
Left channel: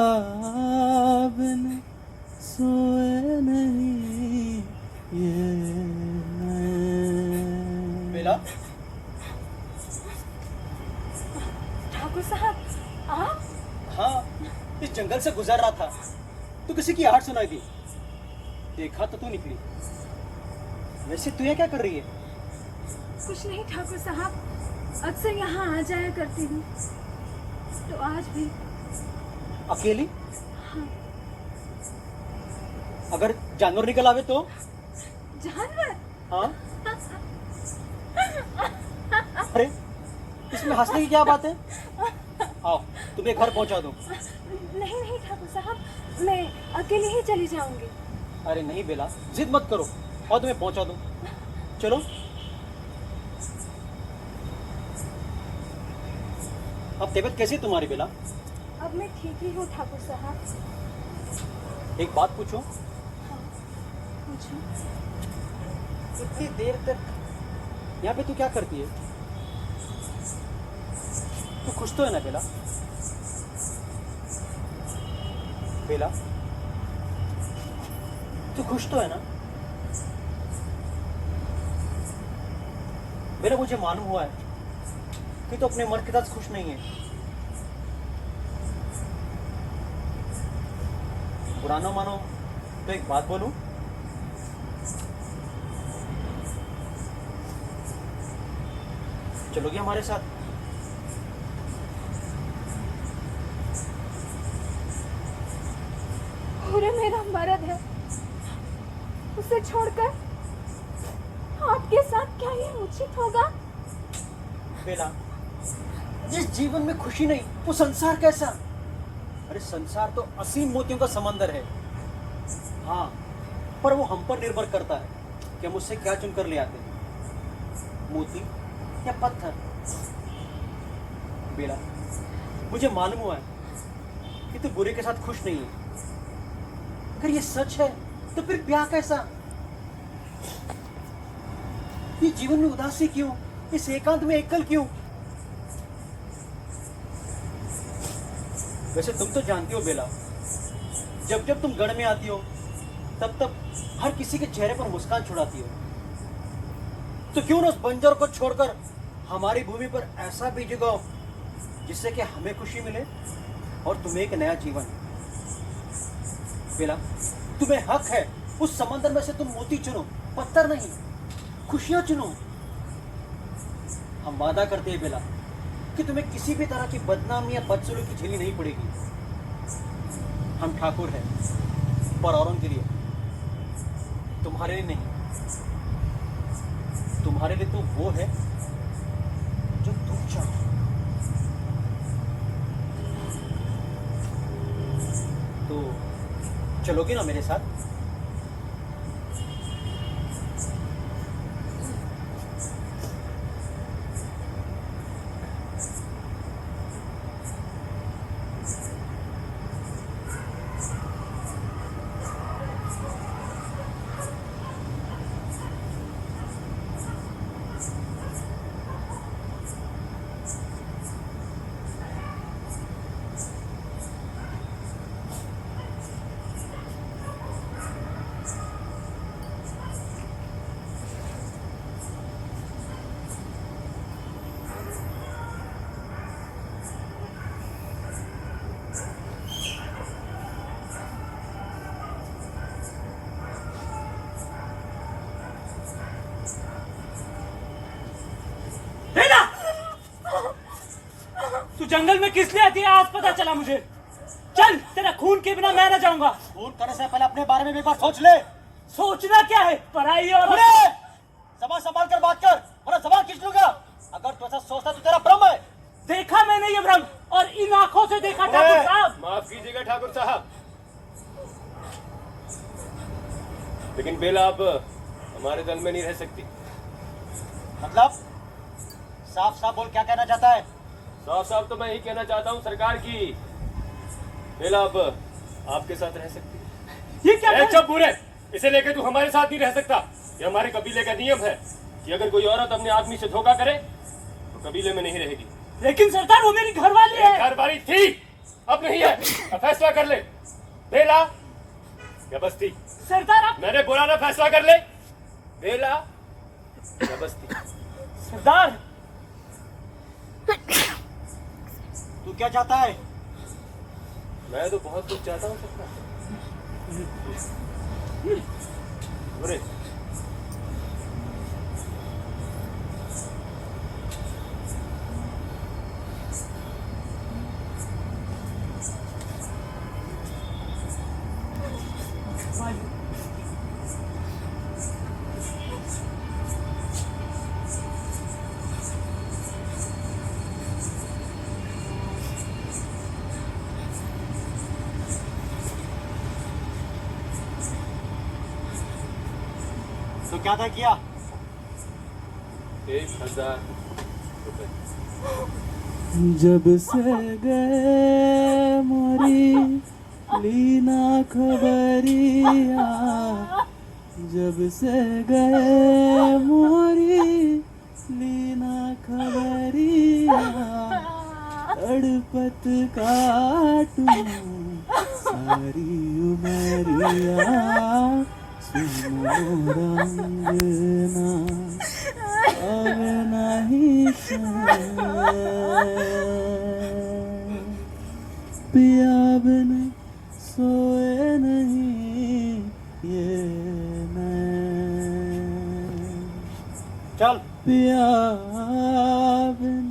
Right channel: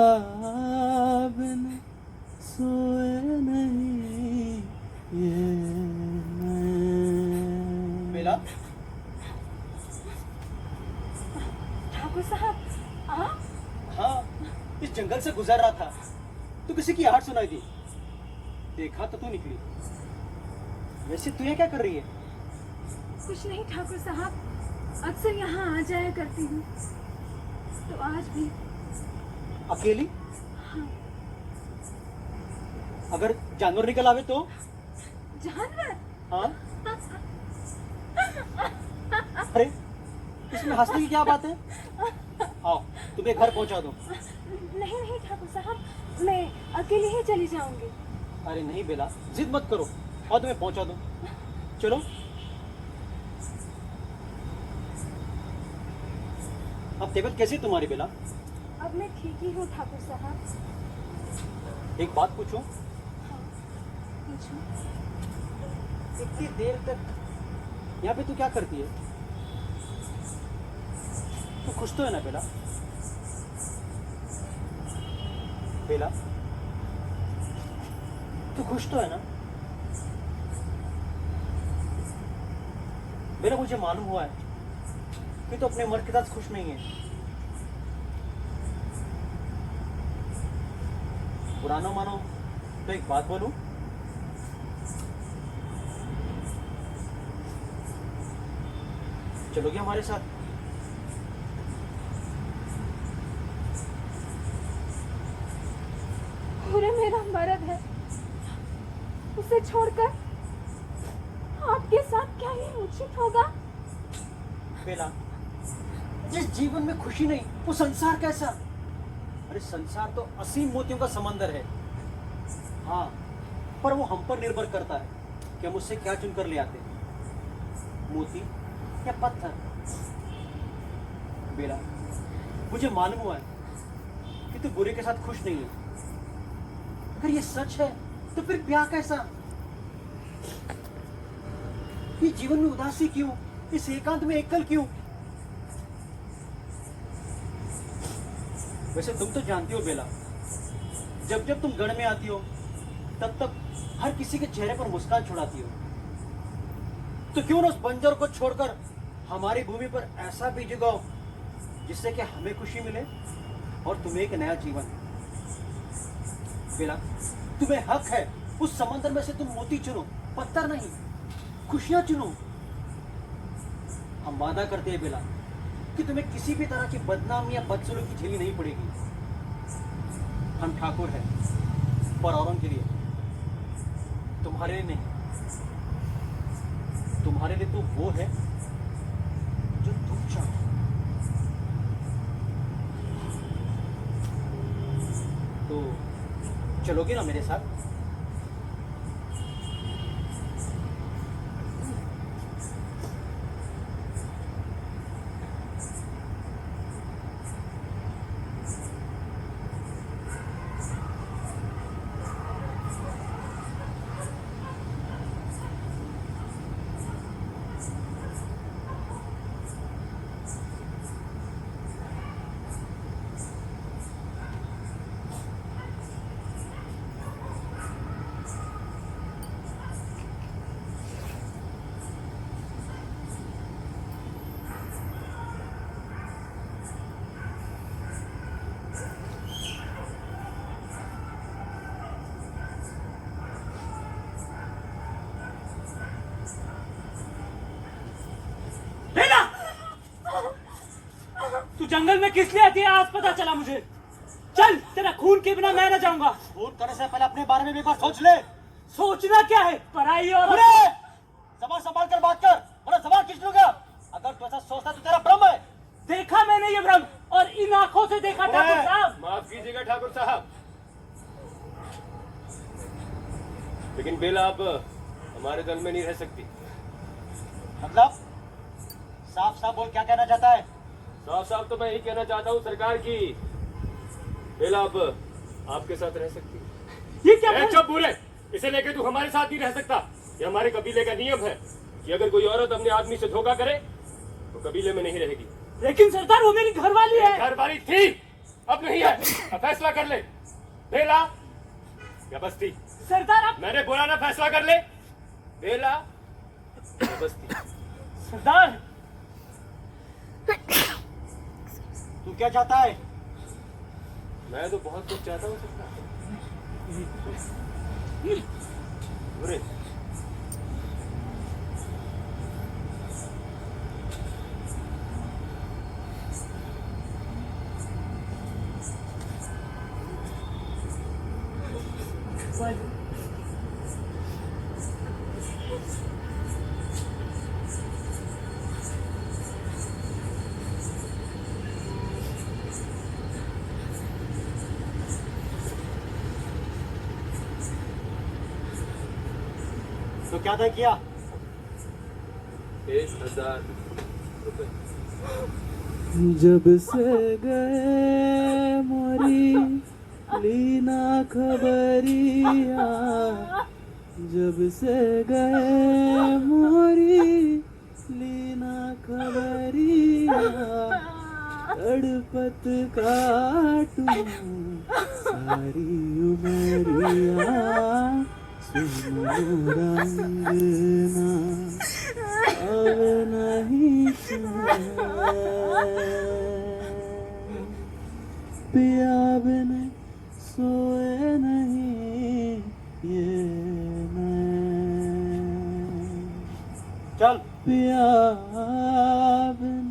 बिन सोए नहीं ये नैन। बेला, ठाकुर साहब आप? हाँ, इस जंगल से गुजर रहा था तो किसी की आहट सुनाई दी, देखा तो तू निकली। वैसे तू ये क्या कर रही है? कुछ नहीं ठाकुर साहब, अक्सर यहाँ आ जाया करती हूँ, तो आज भी। अकेली? हाँ। अगर जानवर निकल आवे तो? जानवर? हाँ। अरे इसमें हंसने की क्या बात है? आओ तुम्हें घर पहुंचा दूं। नहीं नहीं ठाकुर साहब, मैं अकेले ही चली जाऊंगी। अरे नहीं बेला, जिद मत करो और तुम्हें पहुंचा दूं। चलो। अब तबीयत कैसी है तुम्हारी बेला? अब मैं ठीक ही हूँ ठाकुर साहब। एक बात पूछूं? पूछो। इतनी देर तक यहाँ पे तू क्या करती है? तू खुश तो है ना बेला? बेला, तू खुश तो है ना? मेरा मुझे मालूम हुआ है कि तू अपने मर्द के साथ खुश नहीं है। बुरा ना मानो तो एक बात बोलूं? चलोगे हमारे साथ? पूरे मेरा मर्द है, उसे छोड़कर आपके साथ क्या ये उचित होगा? बेला, जिस जीवन में खुशी नहीं वो संसार कैसा? अरे संसार तो असीम मोतियों का समंदर है। हाँ, पर वो हम पर निर्भर करता है कि हम उससे क्या चुनकर ले आते हैं, मोती या पत्थर। बेला, मुझे मालूम हुआ है कि तू बुरे के साथ खुश नहीं है। अगर ये सच है तो फिर ब्याह कैसा? ये जीवन में उदासी क्यों? इस एकांत में एकल क्यों? वैसे तुम तो जानती हो बेला, जब जब तुम गढ़ में आती हो तब तब हर किसी के चेहरे पर मुस्कान छुड़ाती हो। तो क्यों ना उस बंजर को छोड़कर हमारी भूमि पर ऐसा बीज उगाओ जिससे कि हमें खुशी मिले और तुम्हें एक नया जीवन। बेला, तुम्हें हक है उस समंदर में से तुम मोती चुनो, पत्थर नहीं, खुशियां चुनो। हम वादा करते हैं बेला कि तुम्हें किसी भी तरह की बदनामी या बदसलूकी झेलनी नहीं पड़ेगी। हम ठाकुर हैं पर औरों के लिए, तुम्हारे लिए नहीं। तुम्हारे लिए तो वो है जो तुम चाहो। तो चलोगे ना मेरे साथ? तू जंगल में किस लिए आती है आज पता चला मुझे। चल, तेरा खून के बिना मैं ना जाऊंगा। फोन करने से पहले अपने बारे में भी एक बार सोच ले। सोचना क्या है, पढ़ाई और जबान संभाल कर बात कर, वरना जबान खींच लूंगा। अगर तू ऐसा सोचता तो तेरा भ्रम है। देखा मैंने ये भ्रम, और इन आंखों से देखा ठाकुर साहब। माफ कीजिएगा ठाकुर साहब, लेकिन बेला अब हमारे दल में नहीं रह सकती। मतलब साफ साफ बोल, क्या कहना चाहता है? साफ साफ तो मैं यही कहना चाहता हूँ सरकार की बेला अब आपके साथ रह सकती है। ये क्या ए, चुप पूरे, इसे लेकर तू हमारे साथ नहीं रह सकता। ये हमारे कबीले का नियम है कि अगर कोई औरत अपने आदमी से धोखा करे तो कबीले में नहीं रहेगी। लेकिन सरदार, वो मेरी घरवाली है। घरवाली थी, अब नहीं है। अब फैसला कर ले, बेला या बस्ती। सरदार आप, मैंने बोला ना, फैसला कर ले, बेला या बस्ती। सरदार तू क्या चाहता है? मैं तो बहुत कुछ चाहता हूँ सरकार। बुरे तो क्या था किया? 1000 रुपए। जब से गए मोरी लीना खबरिया, जब से गए मोरी लीना खबरिया, तड़पत काटूं सारी उमरिया, सुनो रंगना अब नहीं पिया बिन सोए नहीं ये चल पिया बिन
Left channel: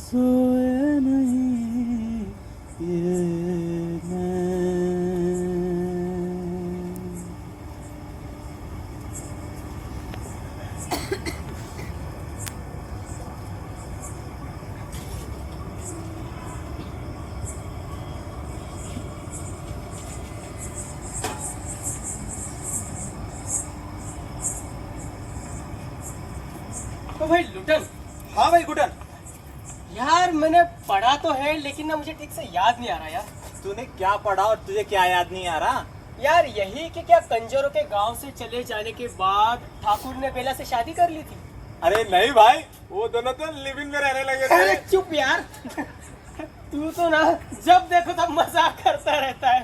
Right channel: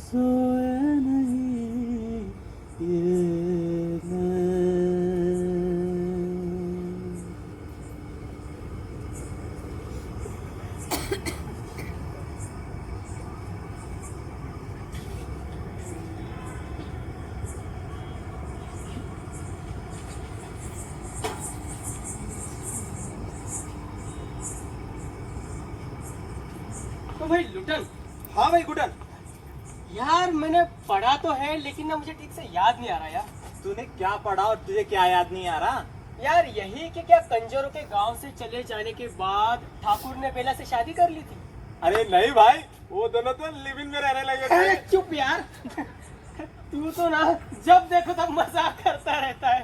सोए नहीं ये तो भाई लुटन, हाँ भाई गुडन, यार मैंने पढ़ा तो है लेकिन ना मुझे ठीक से याद नहीं आ रहा यार। तूने क्या पढ़ा और तुझे क्या याद नहीं आ रहा? यार यही कि क्या कंजरों के गांव से चले जाने के बाद ठाकुर ने बेला से शादी कर ली थी? अरे नहीं भाई, वो दोनों तो लिव इन में रहने लगे अरे थे। चुप यार, तू तो ना जब देखो तब मजाक करता रहता है।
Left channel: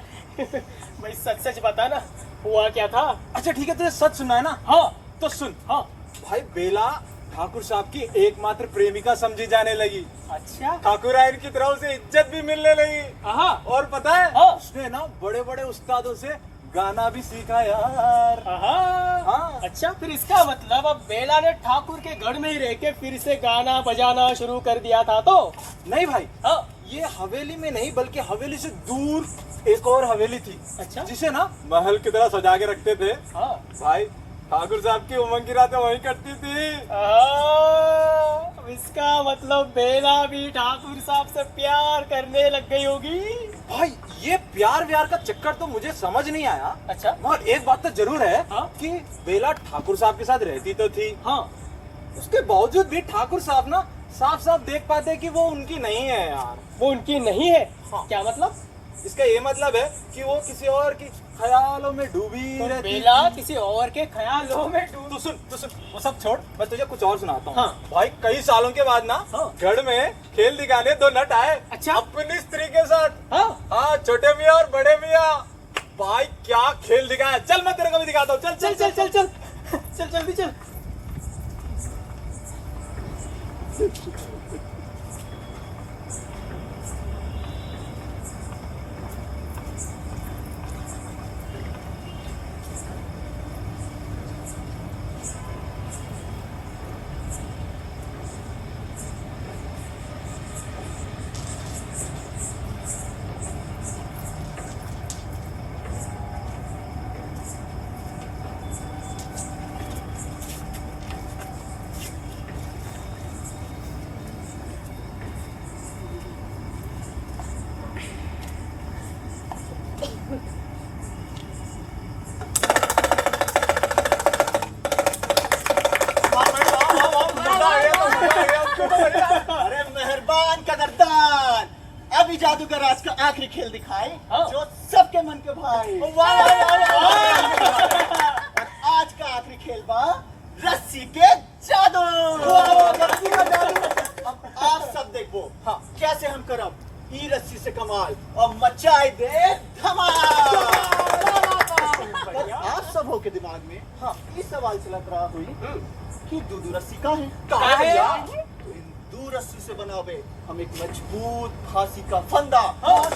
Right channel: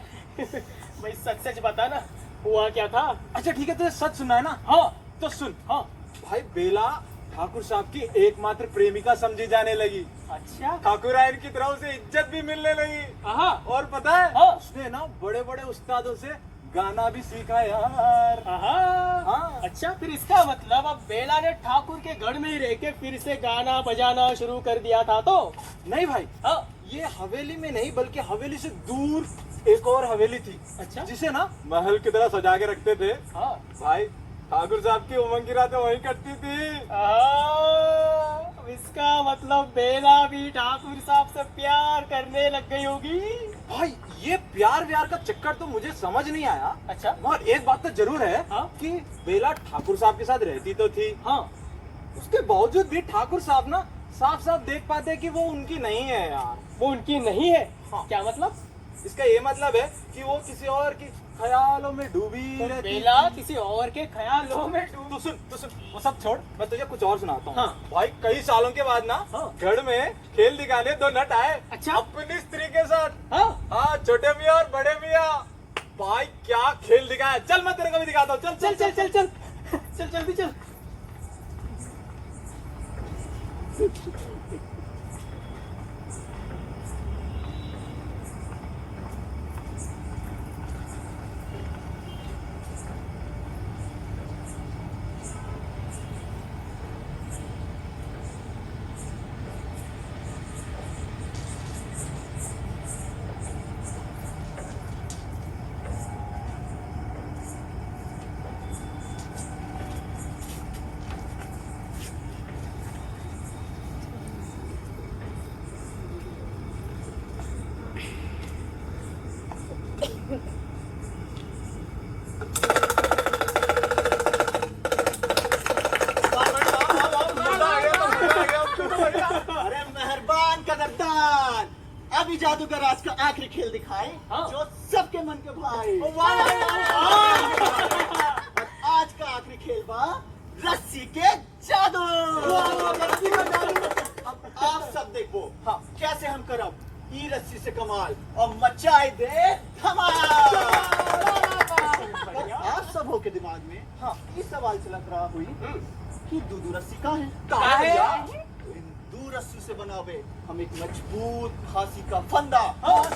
भाई सच सच बता ना, हुआ क्या था? अच्छा ठीक है, तुझे सच सुनना है ना? हाँ तो सुन। हाँ। भाई बेला ठाकुर साहब की एकमात्र प्रेमिका समझी जाने लगी। अच्छा। ठाकुर आयन की तरफ से इज्जत भी मिलने लगी। हाँ और पता है, हाँ। उसने ना बड़े बड़े उस्तादों से गाना भी सीखा यार। हाँ। अच्छा, फिर इसका मतलब अब बेला ने ठाकुर के गढ़ में ही रह के फिर से गाना बजाना शुरू कर दिया था तो? नहीं भाई, हाँ। ये हवेली में नहीं बल्कि हवेली से दूर एक और हवेली थी। अच्छा। जिसे ना महल की तरह सजा के रखते थे। हाँ। भाई ठाकुर साहब की उमंग की रातें वहीं कटती थी। इसका मतलब बेला भी ठाकुर साहब से प्यार करने लग गई होगी। भाई ये प्यार व्यार का चक्कर तो मुझे समझ नहीं आया। अच्छा। मगर एक बात तो जरूर है, हाँ? कि बेला ठाकुर साहब के साथ रहती तो थी। हाँ। उसके बावजूद भी ठाकुर साहब ना साफ साफ देख पाते कि वो उनकी नहीं है यार। वो उनकी नहीं है? हाँ। क्या मतलब? इसका ये मतलब है कि वो किसी और की ख्यालों में डूबी रहती। बेला किसी और के ख्यालों में डूब। तू सुन वो सब छोड़, मैं तुझे कुछ और सुनाता हूँ। हाँ। भाई कई सालों के बाद ना हाँ। गढ़ में खेल दिखाने दो नट आए। अच्छा। अपनी स्त्री के साथ। हाँ। हाँ, छोटे मियाँ और बड़े मियाँ। भाई क्या खेल दिखाया, चल मैं तेरे को भी दिखाता हूँ। चल चल चल चल चल चल जल्दी चल। अभी जादूगर आज का आखिरी खेल दिखाए हाँ। जो सबके मन के भाई। और आज का आखिरी खेल बा रस्सी के जादू। अब आप सब देखो कैसे हम करब ई रस्सी से कमाल और मचाए दे धमाल। आप सब हो के दिमाग में ये सवाल चलत रहा हुई कि दूधू रस्सी का है। दू रस्सी से बनावे हम एक मजबूत फांसी का फंदा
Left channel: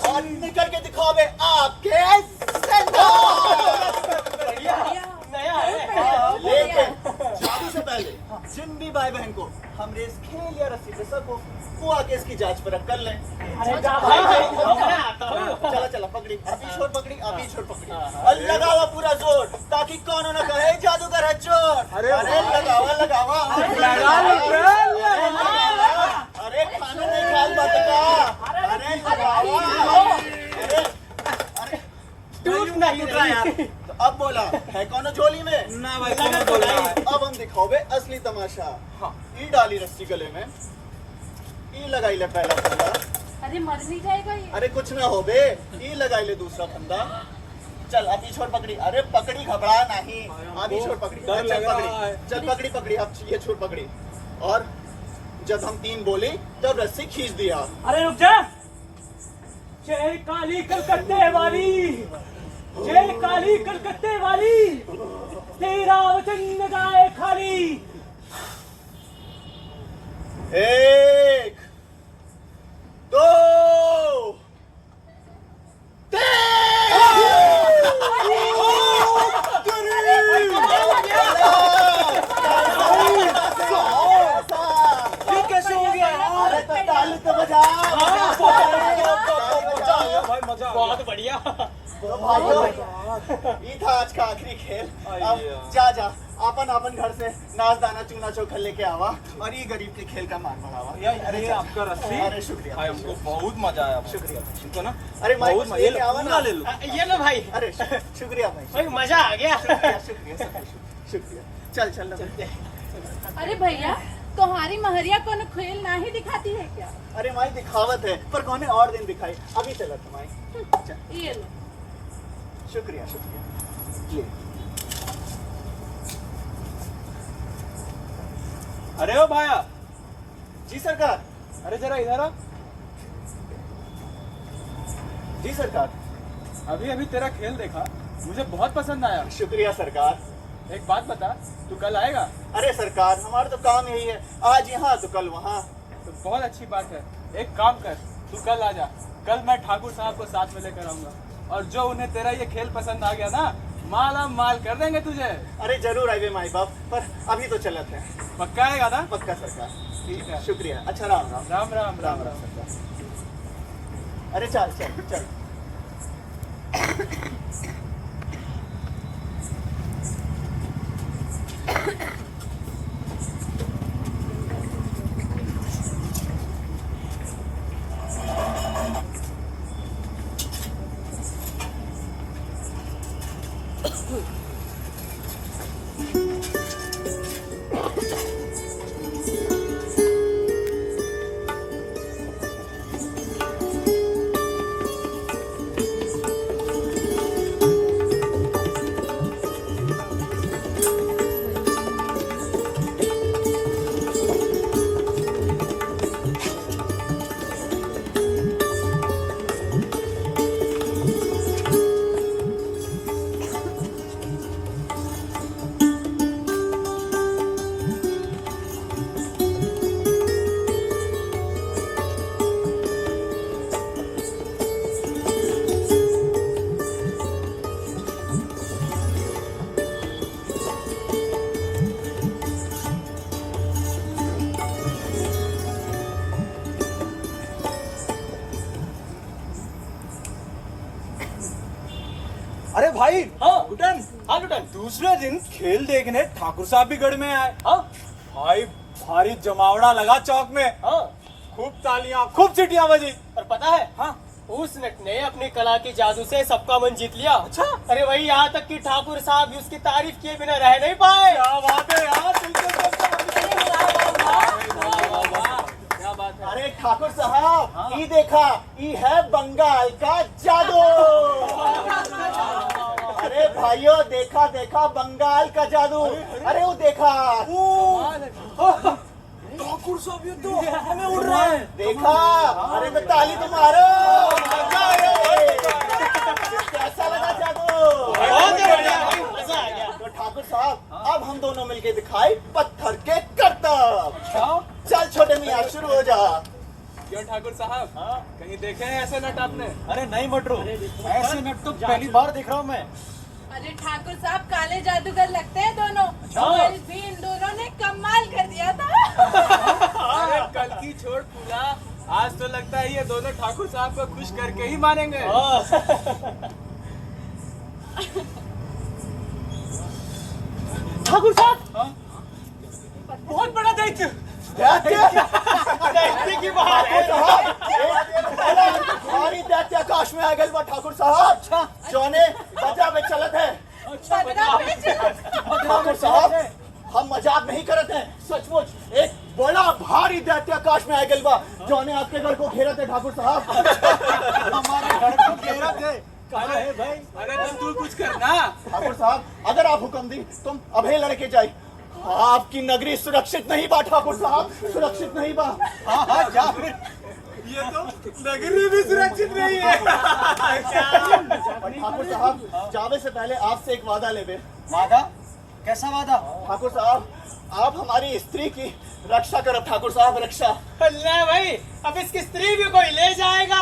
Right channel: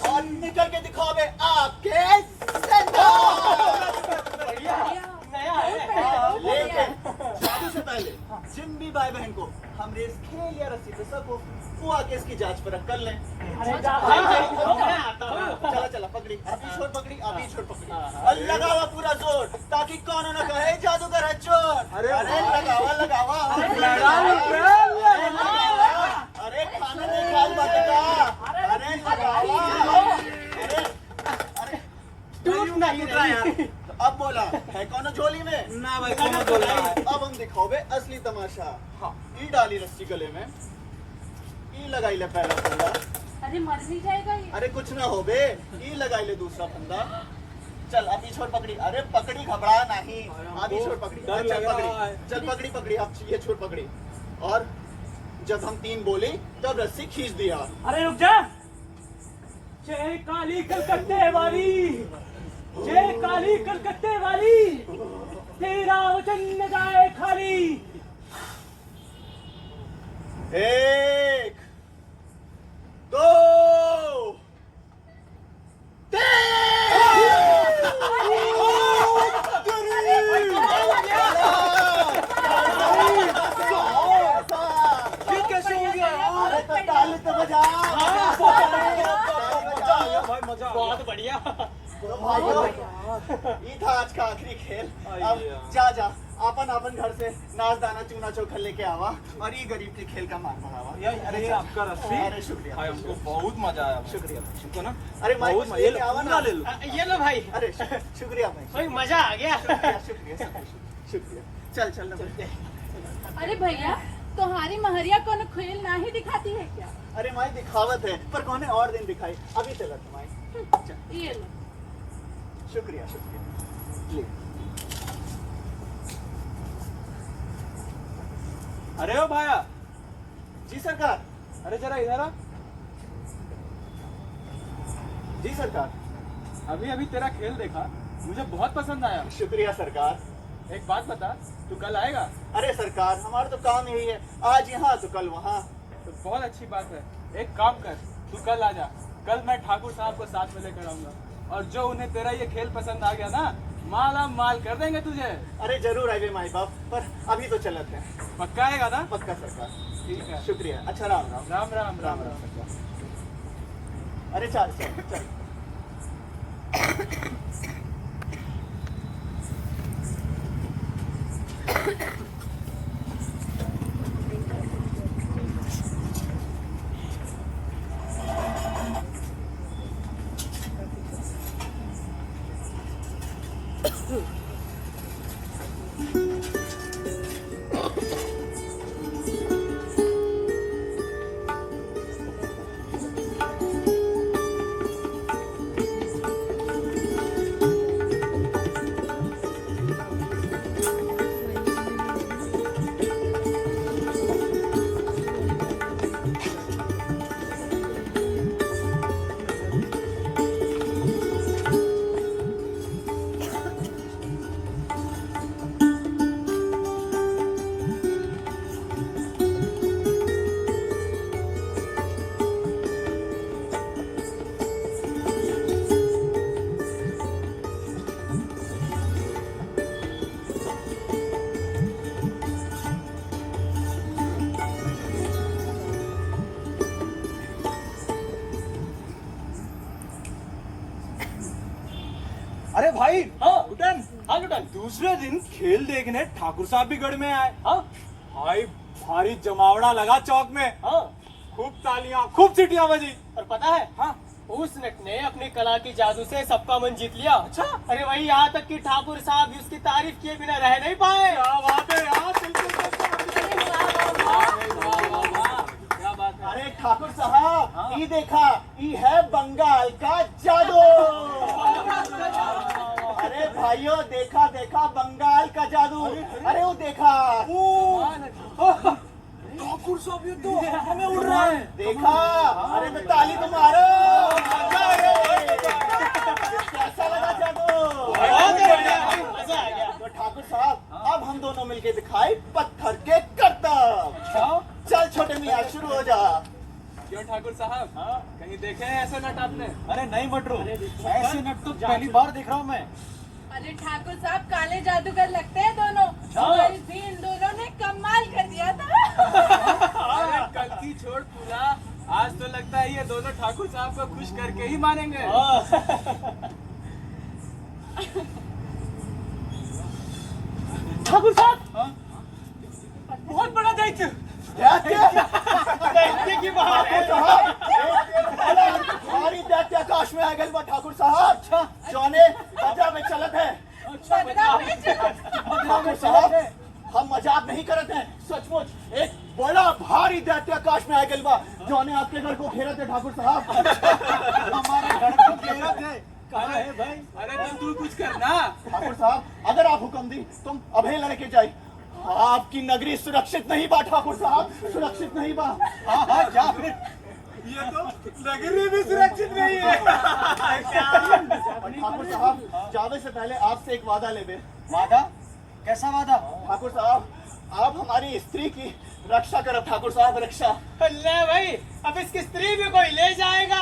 और निकल के दिखावे आपके जिंदा। नया है। लेकिन जादू से पहले जिन भी भाई बहन को हम रेस खेल या रस्सी पे सको वो आके इसकी जांच परख कर लें। चला चला पकड़ी अभी छोड़ पकड़ी अभी छोड़ पकड़ी और लगावा पूरा जोर ताकि कौन ना कहे जादूगर है चोर। अरे लगावा लगावा अरे खाना नहीं खाल बचेगा। अरे लगावा अरे टूट ना टूट रहा यार। तो अब बोला है कौन झोली में ना भाई मैंने बोला है। अब हम दिखाओगे असली तमाशा। ई डाली रस्सी गले में ई लगाई ले पहला फंदा। अरे मर नहीं जाएगा ये। अरे कुछ ना हो बे ई लगाई ले दूसरा फंदा। चल अभी छोड़ पकड़ी। अरे पकड़ी घबरा नहीं अभी छोड़ पकड़ी। डर लग चल रहा पकड़ी है। चल पकड़ी पकड़ी अब ये छोड़ पकड़ी और जब हम 3 बोली तब रस्सी खींच दिया। अरे रुक जा। जय काली कलकत्ते वाली, जय काली कलकत्ते वाली, तेरा वचन न जाए खाली। 1 2 ये कैसे हो गया यार? अरे तो ताली तो बजा। भाई मजा बहुत बढ़िया। तो भाइयों ये था आज का आखिरी खेल। अब जा जा अपन अपन घर से नाच दाना चूना चोखा लेके आवा और ये गरीब के खेल का मान मनावा। अरे आपका रस्सी अरे शुक्रिया भाई हमको बहुत मजा आया। शुक्रिया। सुनको ना अरे भाई बहुत कुछ मजा। ये लेके लो आवा ना। पूरा ले लो। ये लो भाई। अरे शुक्रिया भाई भाई मजा आ गया। शुक्रिया शुक्रिया शुक्रिया। चल चल चल। अरे भैया तुम्हारी महरिया कौन खेल ना ही दिखाती है क्या? अरे माई दिखावत है पर कौन और दिन दिखाई अभी चला था माई। चल ये लो। शुक्रिया शुक्रिया ले। अरे ओ भाया जी सरकार। अरे जरा इधर आ। जी सरकार। अभी अभी तेरा खेल देखा मुझे बहुत पसंद आया। शुक्रिया सरकार। एक बात बता तू कल आएगा? अरे सरकार हमारा तो काम यही है आज यहाँ तो कल वहाँ। तो बहुत अच्छी बात है। एक काम कर तू कल आ जा। कल मैं ठाकुर साहब को साथ में लेकर आऊंगा और जो उन्हें तेरा ये खेल पसंद आ गया ना माला माल कर देंगे तुझे। अरे जरूर आएंगे माई बाप पर अभी तो चलत है। पक्का आएगा ना? पक्का सरकार। ठीक है। शुक्रिया। अच्छा राम राम राम राम राम राम सरकार। अरे चल चल चल। अरे भाई हाँ लुटन हाँ लुटन। दूसरे दिन खेल देखने ठाकुर साहब भी गढ़ में आए। हाँ भाई भारी जमावड़ा लगा चौक में। हाँ। खूब तालियां खूब सीटियां बजी। और पता है हाँ उस नट ने अपनी कला की जादू से सबका मन जीत लिया। अच्छा। अरे वही यहाँ तक कि ठाकुर साहब भी उसकी तारीफ किए बिना रह नहीं पाए। क्या बात है यार दिल से क्या बात है। अरे ठाकुर साहब ये देखा ये है बंगाल का जादू। अरे भाइयों, देखा देखा बंगाल का जादू। अरे वो देखा, ठाकुर साहब ये तो हमें उड़ रहा है। देखा। अरे तो ताली तो मारो। कैसा लगा जादू? तो ठाकुर साहब, अब हम दोनों मिलके दिखाए पत्थर के करतब। चल छोटे मियाँ, शुरू हो जा। क्यों ठाकुर साहब, कहीं देखे हैं ऐसे नट आपने? अरे नहीं मटरू, ऐसे नट तो पहली बार देख रहा हूँ मैं। अरे ठाकुर साहब काले जादूगर लगते हैं दोनों। कल भी इन दोनों ने कमाल कर दिया था। अरे कल की छोड़ पूरा, आज तो लगता है ये दोनों ठाकुर साहब को खुश करके ही मानेंगे। ठाकुर साहब, बहुत बड़ा दैत्य। दैत्य की बात है। हमारी दैत्य आकाश में आ गए बा ठाकुर साहब। चौने बजा में चलत है। ठाकुर साहब, हम मजाक नहीं करते हैं, सचमुच एक बड़ा भारी दैत्य आकाश में आ गए बा, जौने आपके घर को घेरा थे ठाकुर साहब। हमारे घर को घेरा थे। कहाँ है भाई? अरे तो तू कुछ करना। ठाकुर साहब, अगर आप हुक्म दी तुम अभय लड़के जाए। आपकी नगरी सुरक्षित नहीं बा ठाकुर साहब, सुरक्षित नहीं बा। हाँ जा फिर। ये तो नगरी भी सुरक्षित नहीं है। ठाकुर साहब, जावे से पहले आपसे एक वादा लेवे। वादा? कैसा वादा? ठाकुर साहब, आप हमारी स्त्री की रक्षा करो ठाकुर साहब, रक्षा। अल्लाह भाई, अब इसकी स्त्री भी कोई ले जाएगा।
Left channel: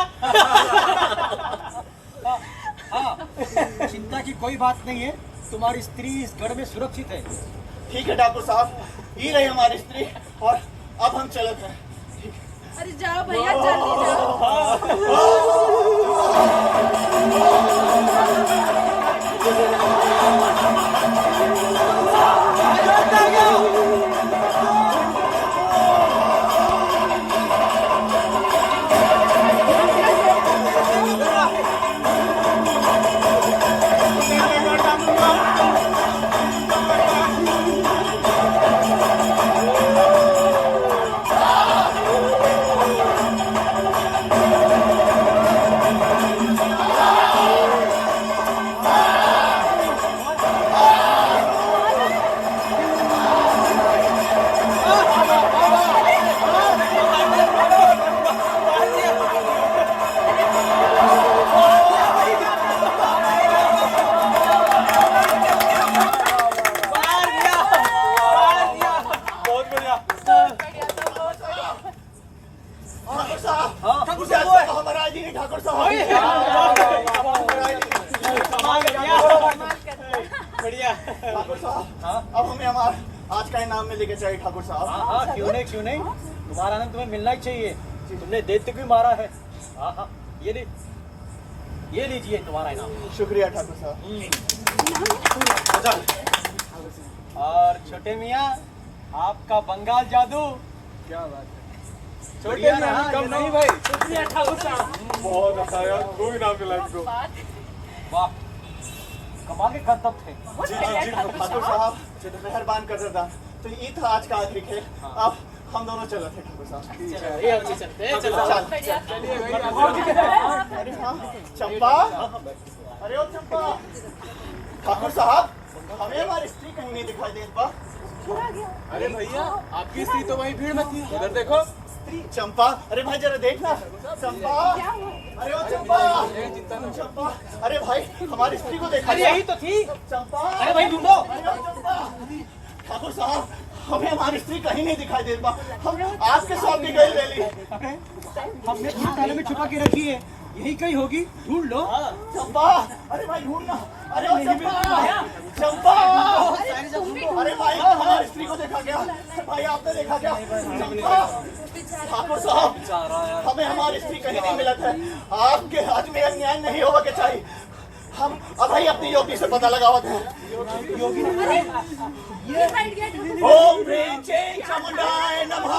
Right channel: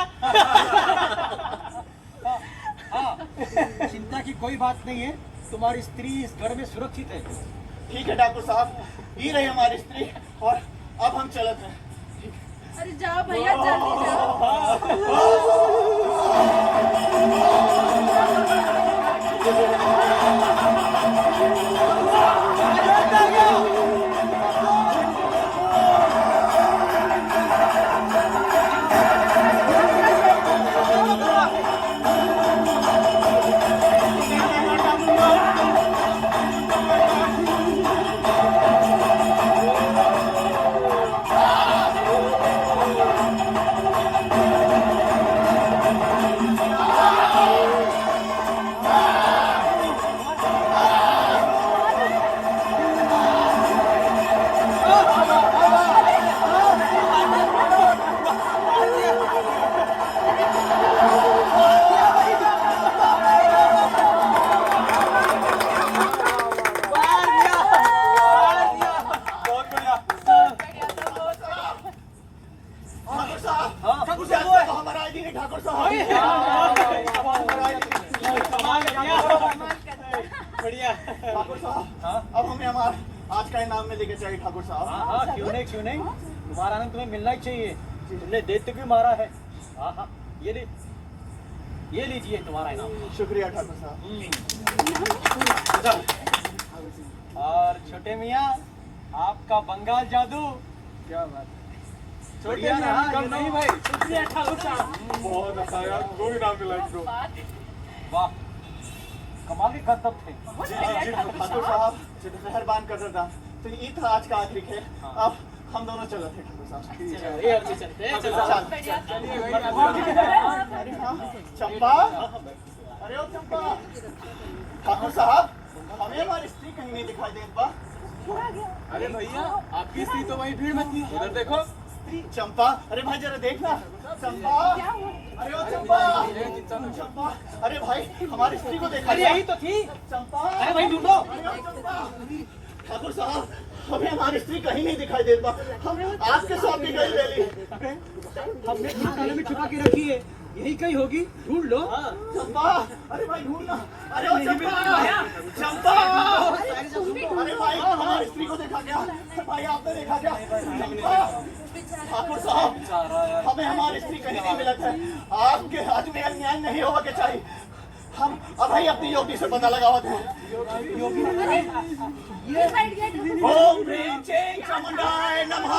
हाँ, चिंता की कोई बात नहीं है, तुम्हारी स्त्री इस गढ़ में सुरक्षित है। ठीक है ठाकुर साहब, ये रही हमारी स्त्री, और अब हम चलते हैं। अरे जाओ भैया, जल्दी जाओ। ठाकुर साहब, हमारा आदि नहीं ठाकुर साहब। बढ़िया। ठाकुर साहब, अब हमें हमारा आज का इनाम में लेके चाहिए ठाकुर साहब। हाँ, क्यों नहीं क्यों नहीं, तुम्हारा आनंद तुम्हें मिलना ही चाहिए। तुमने दैत्य भी मारा है। हाँ, ये लीजिए तुम्हारा इनाम। शुक्रिया ठाकुर साहब। और छोटे मियाँ, आपका बंगाल जादू। क्या बात है, छोटे बढ़िया मियाँ, रहा, कम नहीं भाई। शुक्रिया ठाकुर साहब। बहुत अच्छा यार, कोई नाम मिला इसको। वाह, कमाल के करतब थे। ठाकुर साहब, मेहरबान कर रहा था। तो ये था आज का आखिरी खेल। अब हम दोनों चले थे ठाकुर साहब। ये अभी चलते हैं, चलो। चलिए भाई, अरे हाँ, चंपा, अरे ओ चंपा। ठाकुर साहब, हमें हमारी स्त्री कहीं नहीं दिखाई देती बा। अरे भैया, आपकी स्त्री तो वहीं भीड़ में थी, उधर देखो। चंपा, अरे भाई जरा देखना। चंपा, अरे ओ चंपा, चंपा, अरे भाई हमारी स्त्री को देखा। अरे यही तो थी। चंपा, अरे भाई ढूंढो। ठाकुर साहब, हमें हमारी स्त्री कहीं नहीं दिखाई देती बा। हम आपके साथ भी गए ले। हमने ताले में छुपा के रखी है, यही कहीं होगी, ढूंढ लो। चंपा, अरे भाई ढूंढना। अरे ओ चंपा, चंपा, अरे भाई हमारी स्त्री को देखा क्या? भाई आपने देखा क्या? चंपा, ठाकुर साहब, हमें हमारी स्त्री कहीं नहीं मिला था। आपके हाथ में अन्याय नहीं होगा के चाहिए। हम अब ही अपनी योगी से पता लगावत हैं। ओम ह्रीं चैं चामुंडाय नमः।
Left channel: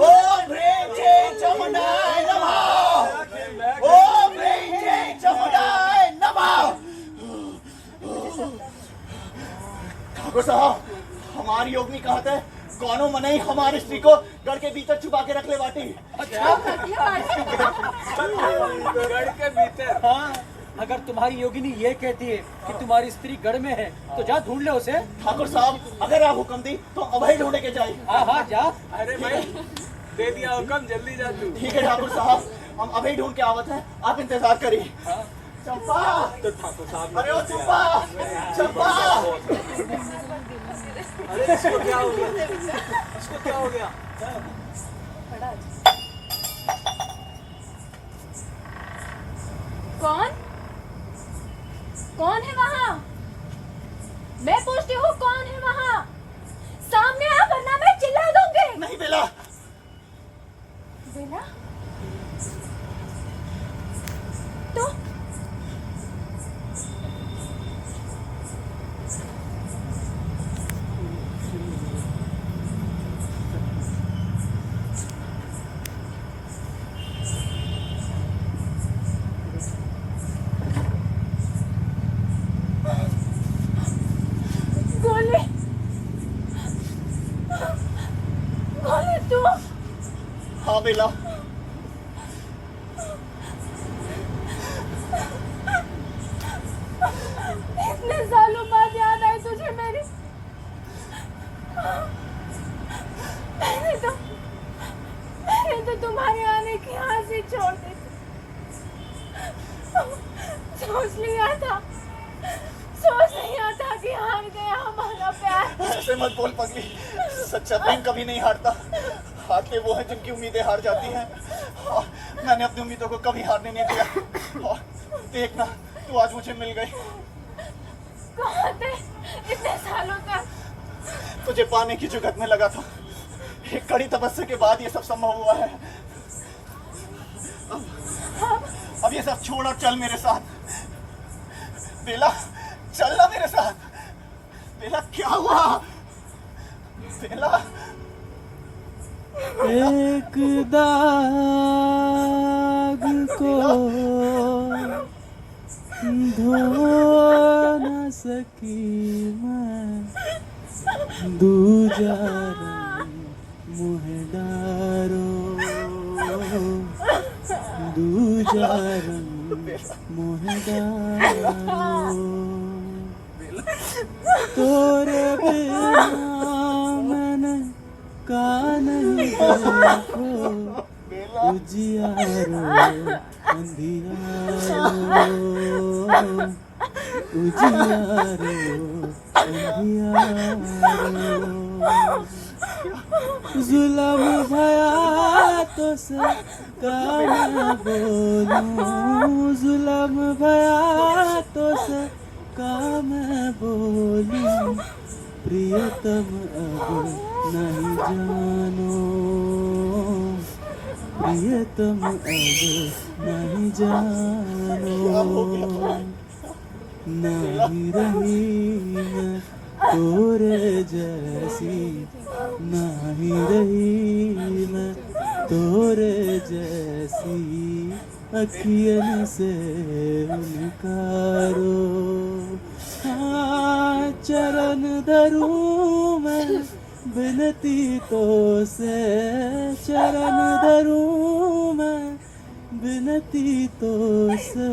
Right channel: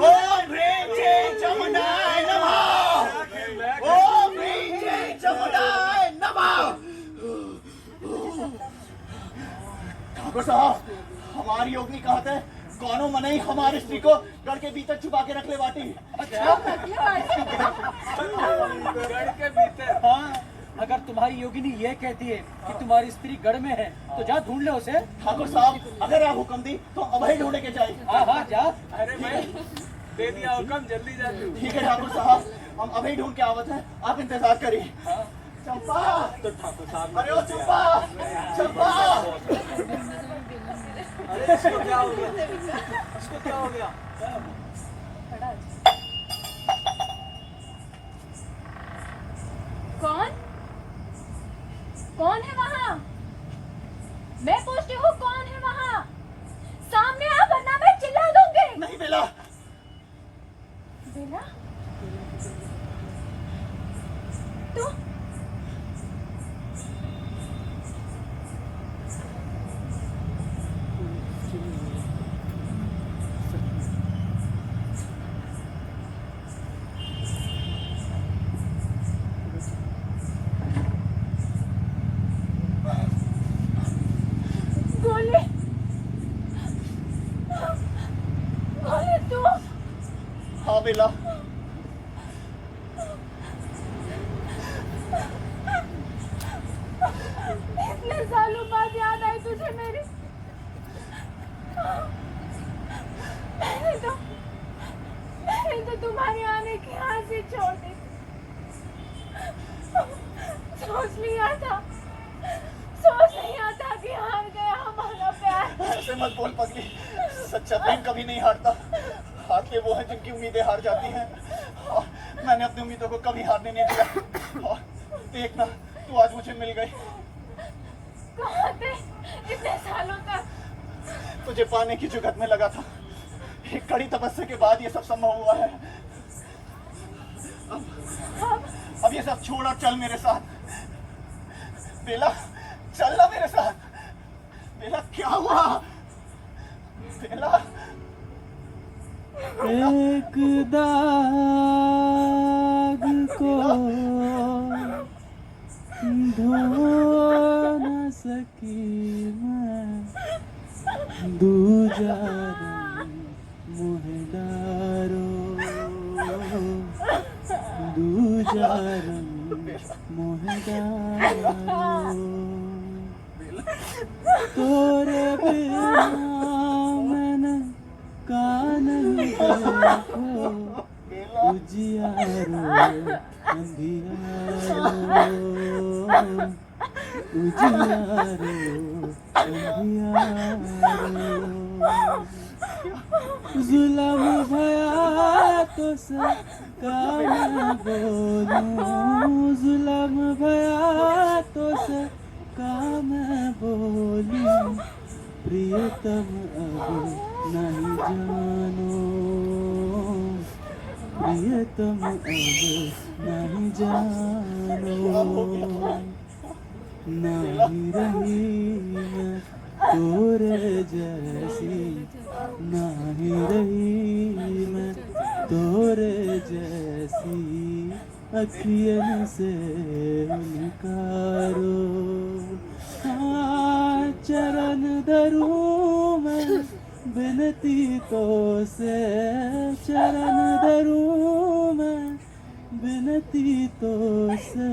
ओम ह्रीं चैं चामुंडाय नमः। ओम ह्रीं चैं चामुंडाय नमः। ठाकुर साहब, हमारी योगिनी कहाँ थे? कौनो मनाई हमारे स्त्री को गढ़ के भीतर छुपा के रख ले बाटी। अच्छा गढ़ के भीतर। हाँ, अगर तुम्हारी योगिनी ये कहती है कि तुम्हारी स्त्री गढ़ में है तो जा ढूंढ ले उसे। ठाकुर साहब अगर आप हुक्म दी तो अभय ढूंढे के जाए। हाँ हाँ जा। अरे भाई दे दिया हुक्म, जल्दी जा तू। ठीक है ठाकुर साहब, हम अभय ढूंढ के आवत हैं, आप इंतजार करिए। चंपा, तो ठाकुर साहब अरे ओ चंपा, चंपा। अरे इसको क्या हो गया? इसको क्या हो गया? कौन कौन है वहाँ? मैं पूछती हूँ कौन है वहाँ? सामने आ वरना मैं चिल्ला दूंगी। नहीं बेला। बेला? तो बोले बोले तू? हाँ बेला। इतने सालों बाद याद आई तुझे मेरी। मैंने तो तुम्हारे आने की हंसी छोड़ दी थी। सोच लिया था कि हार गया हमारा प्यार। ऐसे मत बोल पगली, सच्चा प्रेम कभी नहीं हारता। हारते वो हैं जिनकी उम्मीदें हार जाती हैं। और मैंने अपनी उम्मीदों को कभी हारने नहीं दिया। और देखना तू आज मुझे मिल गई। कहाँ थे इतने सालों तक? तुझे पाने की जुगत में लगा था। एक कड़ी तपस्या के बाद ये सब संभव हुआ है। अब ये सब छोड़ और चल मेरे साथ। बेला चल ना मेरे साथ। बेला क्या हुआ? बेला एक दाग को धो न सकी मैं, दूजा रंग मुँह डारो, दूजा रंग मुँह डारो। तोरे बिना मैंने कान देखो, उजियारो अंधियारो, उजियारो अंधियारो। जुल्म भया तो से कान बोलूं, जुल्म भया तो से काम बोलूं। प्रियतम अब नहीं जानो, प्रियतम अब नहीं जानो। नहीं रही मैं तोरे जैसी, नहीं रही मैं तोरे जैसी। अखियन से उनकारो, हाँ चरण धरूं मैं बिनती तो से, चरण धरूं मैं बिनती तो से।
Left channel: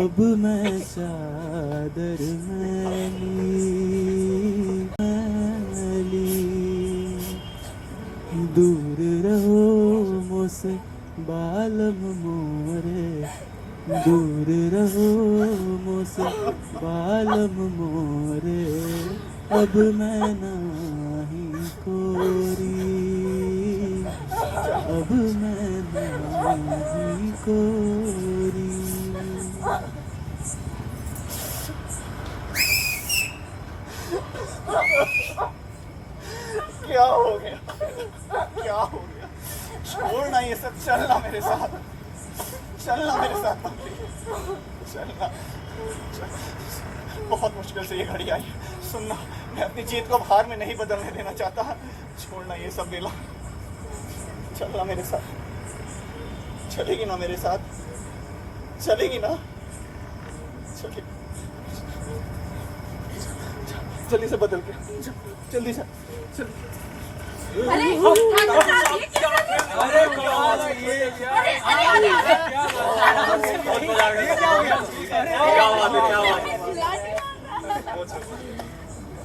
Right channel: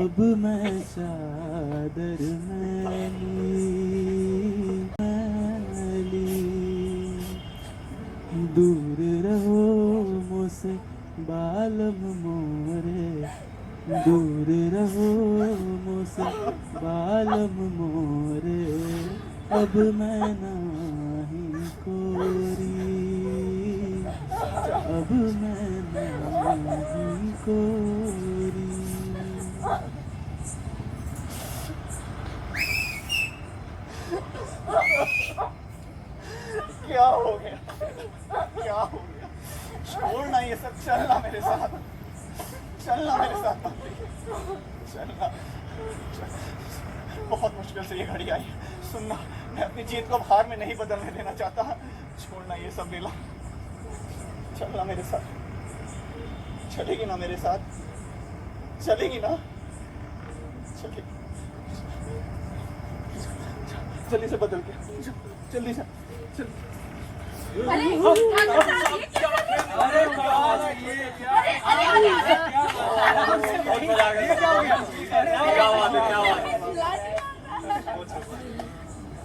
अब मैं चादर मैली, दूर रहो मुझसे बालम मोरे, दूर रहो मुझसे बालम मोरे। अब मैं नाही कोरी, अब मैं नाही कोरी। क्या हो गया? क्या हो गया? छोड़ना ये सब, चलना मेरे साथ, चलना मेरे साथ बकरी, चलना। बहुत मुश्किल से ये घड़ी आई। सुनना, मैं अपनी जीत को हार में नहीं बदलने देना चाहता। छोड़ना ये सब बेला, चलना मेरे साथ। चलेगी ना मेरे साथ? चलेगी ना? चलेगी। जल्दी से बदल के, जल्दी से। अरे ठाकुर साहब, ये क्या कर रहे हैं? अरे ये क्या अरे अरे अरे अरे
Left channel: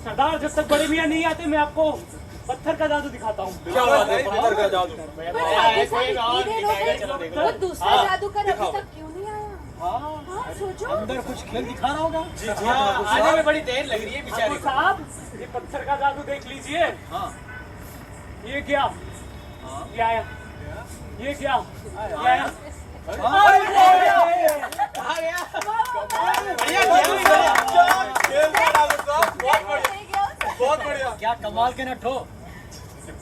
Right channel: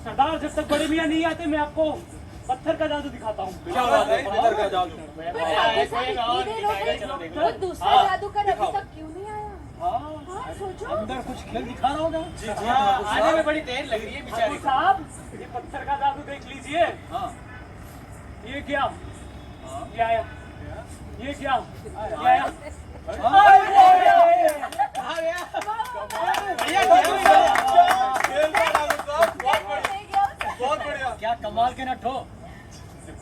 सरदार, जब तक बड़े मियाँ नहीं आते मैं आपको पत्थर का जादू दिखाता हूँ। क्या बात है, पत्थर का जादू। वो दूसरा जादूगर अभी तक क्यों नहीं आया? हाँ, सोचो। अंदर कुछ खेल दिखा रहा होगा। जी जी, आने में बड़ी देर लग रही है बेचारे ठाकुर साहब, ये पत्थर का जादू देख लीजिए। हाँ। ये क्या? ये आया। ये क्या? ये आया। बहुत बढ़िया, क्या कमाल के नट हो।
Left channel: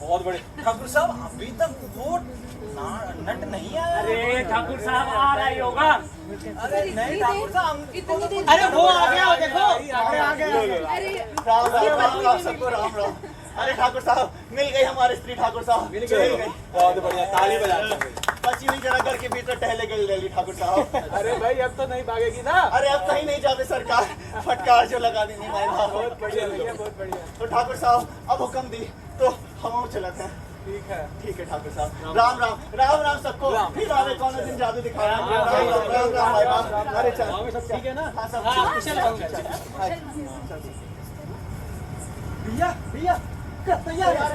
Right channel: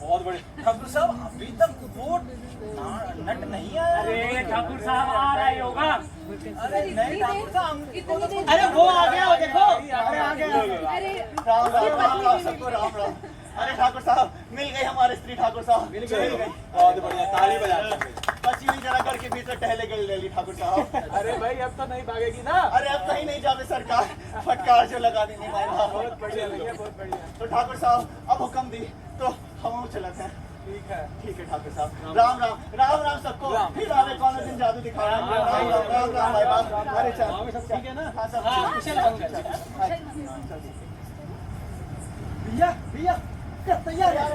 बहुत बढ़िया। ठाकुर साहब अभी तक वो नट नहीं आया। अरे ठाकुर साहब आ रहा ही होगा। अरे नहीं ठाकुर साहब, अरे वो आ गया, देखो। अरे आ गया। अरे राम राम राम राम सबको राम राम। अरे ठाकुर साहब मिल गई हमारी स्त्री, ठाकुर साहब मिल गई। बहुत बढ़िया, ताली बजाना। बची हुई जरा घर के भीतर टहले गई रैली, ठाकुर साहब। अरे भाई अब तो नहीं भागेगी ना। अरे अब कहीं नहीं जावे सरकार, फटकार जो लगा देनी है। बहुत बढ़िया भैया, बहुत बढ़िया। तो ठाकुर साहब अब हुक्म दी तो हम चलते हैं। ठीक है। ठीक है ठाकुर साहब, राम राम राम राम सबको। फिर आवे कौन दिन जादू दिखाया। राम राम राम राम भाई राम। अरे चल सब ठीक है ना? हाँ सब हाँ, कुशल मंगल। भैया भैया तैयार यार।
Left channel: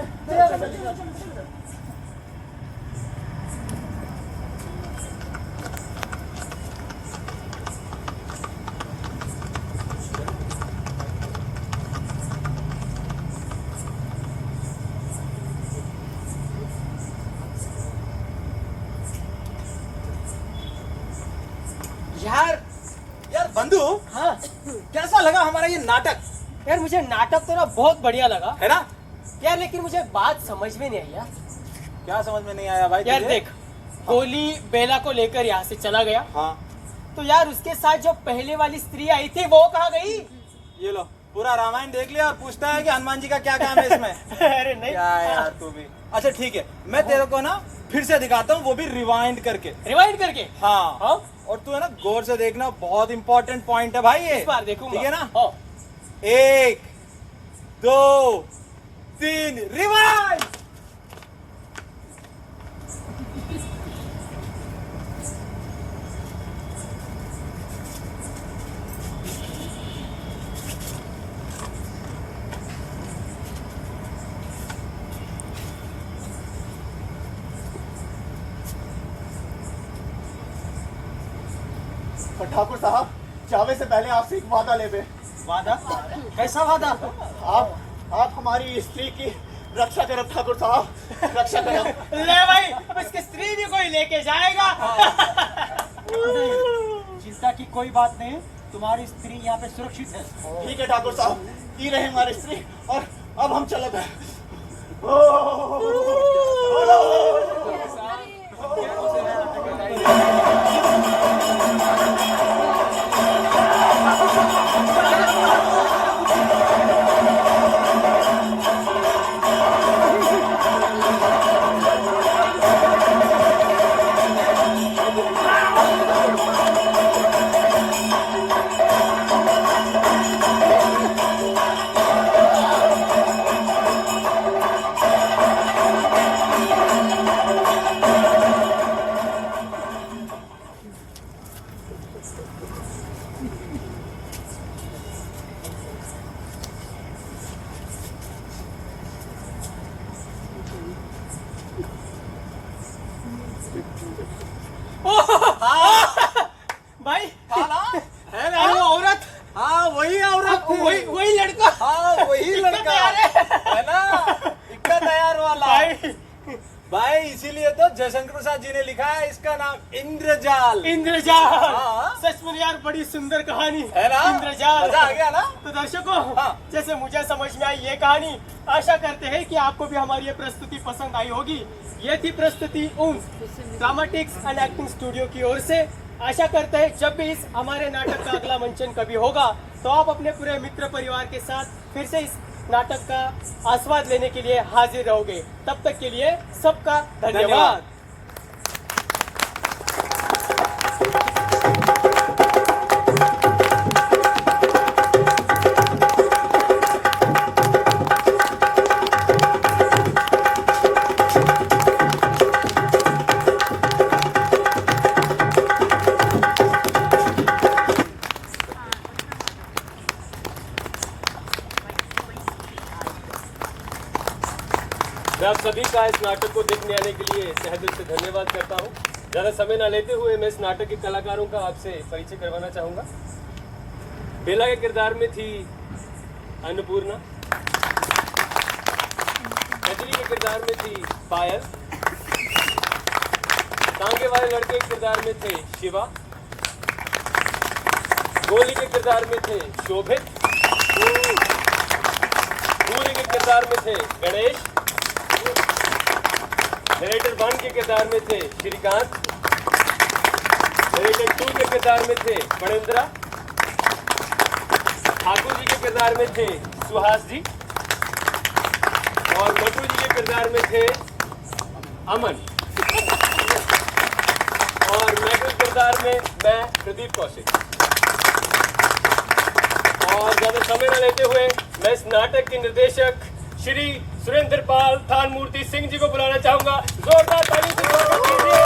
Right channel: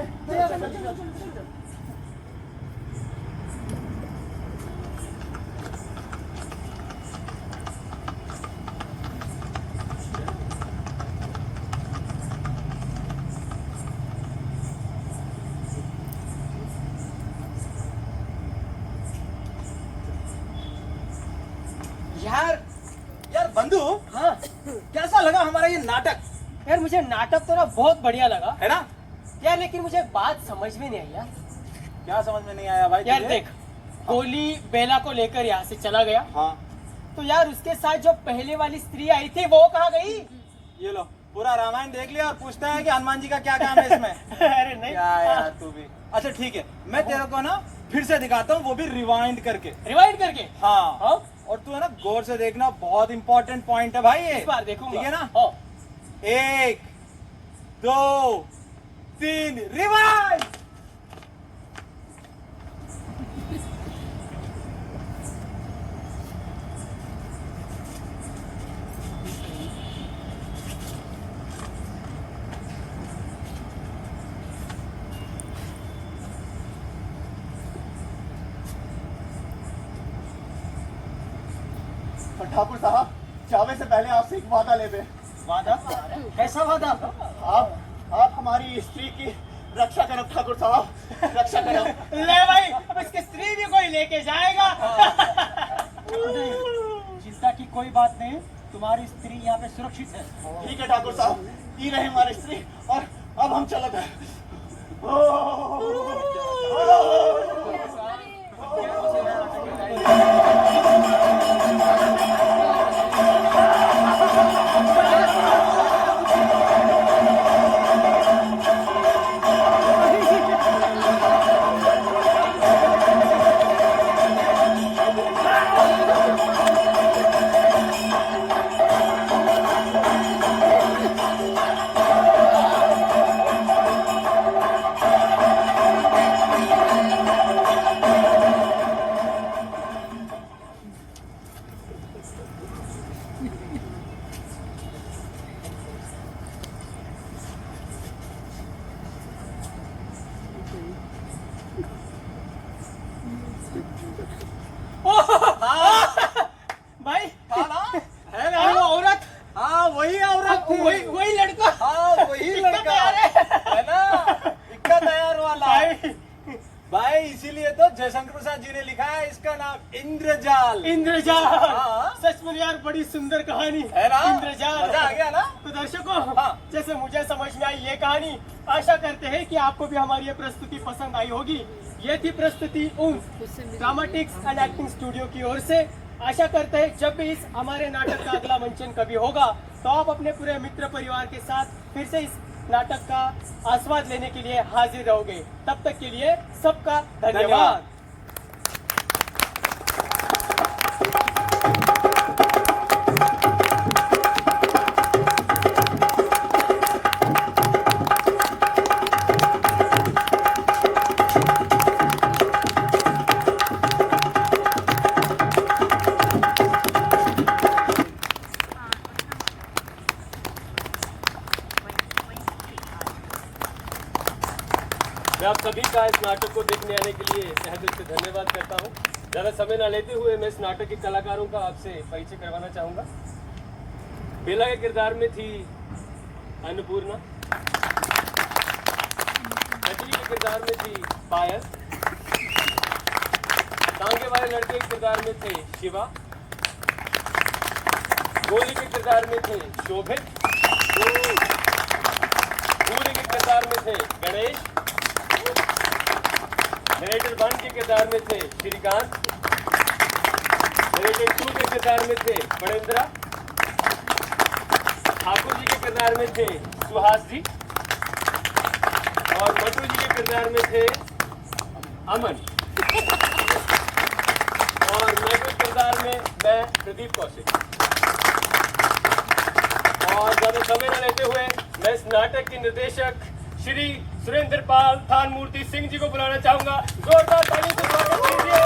यार बंधु, हाँ कैसा लगा हमारा ये नाटक? यार, मुझे नाटक तो ना बहुत बढ़िया लगा है ना? यार, लेकिन मुझे बात समझ में नहीं आई यार। क्या समझ में नहीं आया भाई यार तुझे? देख, गोली बेला को लेकर यहाँ से चला गया, हाँ तो यार उसके साथ जो पहले वाली स्त्री आई थी वो कहाँ गई? ये लो, पूरा रामायण देख लिया और पूछता है कि हनुमान जी का क्या काम है इसमें। अरे नहीं क्या यार तू भी। अच्छा ठीक है, मैं तेरे को ना फिर से दिखाता हूँ, वो भी रिवाइंड करके। रिवाइंड करके। हाँ हाँ? और तू है ना गौर से देखना, बहुत इंपॉर्टेंट पॉइंट है भाई ये। इस बार देखूंगा। ठीक है ना? हाँ। 1 2 3 रिवाइंड। और ठाकुर साहब जावे से पहले आपसे एक वादा ले बे। वादा? कैसा वादा? आप हमारी स्त्री की रक्षा करो ठाकुर साहब, रक्षा करो। ले भाई, अब इसकी स्त्री भी कोई लेके जाएगा। चिंता की कोई बात नहीं, तुम्हारी स्त्री यहाँ पे सुरक्षित है। ठीक है ठाकुर साहब, ये रहे हमारी स्त्री और अब हम चलते हैं। भाई, है ना? वो औरत, हाँ वही औरत थी। वही लड़का। हाँ वही लड़का है ना, इक्का तैयार वाला। भाई इसीलिए तो जयशंकर प्रसाद जी ने लिखा है इसका नाम इंद्रजाल। इंद्रजाल। हाँ। सच में यार बड़ी सुंदर कहानी है ना? इंद्रजाल। मजा आ गया ना? तो दर्शकों, हाँ। जैसे मुझे समझ में आई ये कहानी, आशा करते हैं कि आपको भी हमारी ये प्रस्तुति पसंद आई होगी। ये थी प्रस्तुति ड्रामेटिक्स एंड एक्टिंग स्टूडियो की ओर से। आशा करते हैं जब भी इस हमारे नाटक का अगला मंचन कभी होगा तो आप अपने पूरे मित्र परिवार के साथ फिर से इस नाटक का आस्वाद लेने के लिए हाजिर रहोगे। तब तक के लिए सबका धन्यवाद। मैं आप सभी का इस नाटक को देखने आने के लिए तहे दिल से धन्यवाद करता हूँ। ज़्यादा समय न लेते हुए मैं इस नाटक के कलाकारों का आपसे परिचय करवाना चाहूँगा। बेला के किरदार में थी अन्नपूर्णा, अंजलि के किरदार में थी पायल, तांगे वाले लड़के के किरदार में थे शिवा, गोली के किरदार में थे शोभित, पूरी के किरदार में थे गणेश, नरेटर 1 के किरदार में थे श्रीकांत, नरेटर 2 के किरदार में थे फणेंद्रा, ठाकुर जी के किरदार में थे सुहास जी और मटू जी के किरदार में थे अमन और मैं के किरदार में मैं प्रदीप कौशिक। और ज़्यादा समय न लेते हुए मैं इस नाटक के निर्देशक श्री सुरेंद्र पाल थान मूर्ति सिंह जी को बुलाना चाहूंगा। जोरदार ताली से स्वागत कीजिए।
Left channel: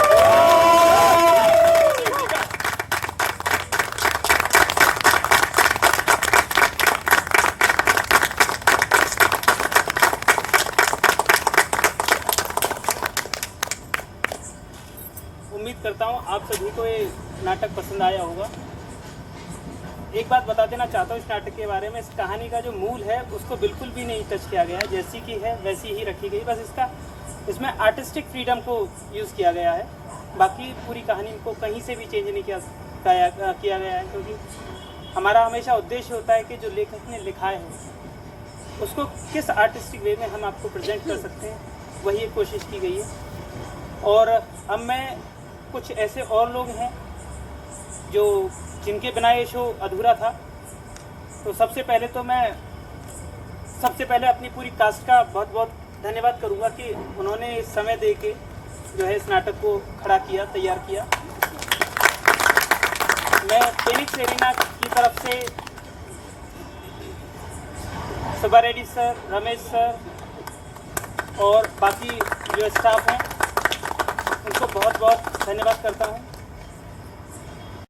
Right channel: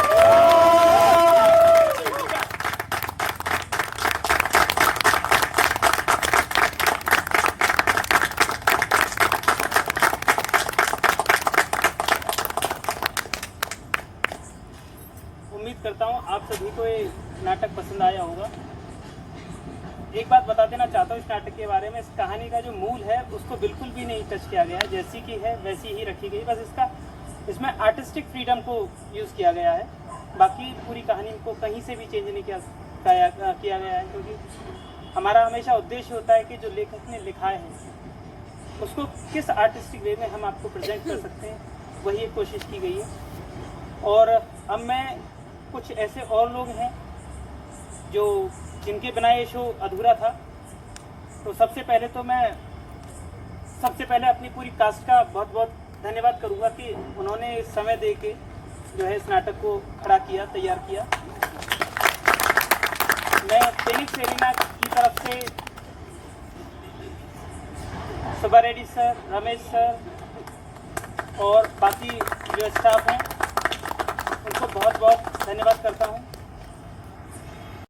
उम्मीद करता हूँ आप सभी को ये नाटक पसंद आया होगा। एक बात बता देना चाहता हूँ इस नाटक के बारे में, इस कहानी का जो मूल है उसको बिल्कुल भी नहीं टच किया गया है, जैसी की है वैसी ही रखी गई। बस इसमें आर्टिस्टिक फ्रीडम को यूज़ किया गया है, बाकी पूरी कहानी को कहीं से भी चेंज नहीं किया गया है, क्योंकि हमारा हमेशा उद्देश्य होता है कि जो लेखक ने लिखा है उसको किस आर्टिस्टिक वे में हम आपको प्रेजेंट कर सकते हैं, वही एक कोशिश की गई है। और अब मैं कुछ ऐसे और लोग हैं जो जिनके बिना ये शो अधूरा था, तो सबसे पहले अपनी पूरी कास्ट का बहुत बहुत धन्यवाद करूँगा कि उन्होंने समय दे के जो है इस नाटक को खड़ा किया, तैयार किया। मैं फेनिक्स एरिना की तरफ से सुबा रेड्डी सर, रमेश सर और बाकी जो स्टाफ हैं उनको बहुत बहुत धन्यवाद करता हूँ।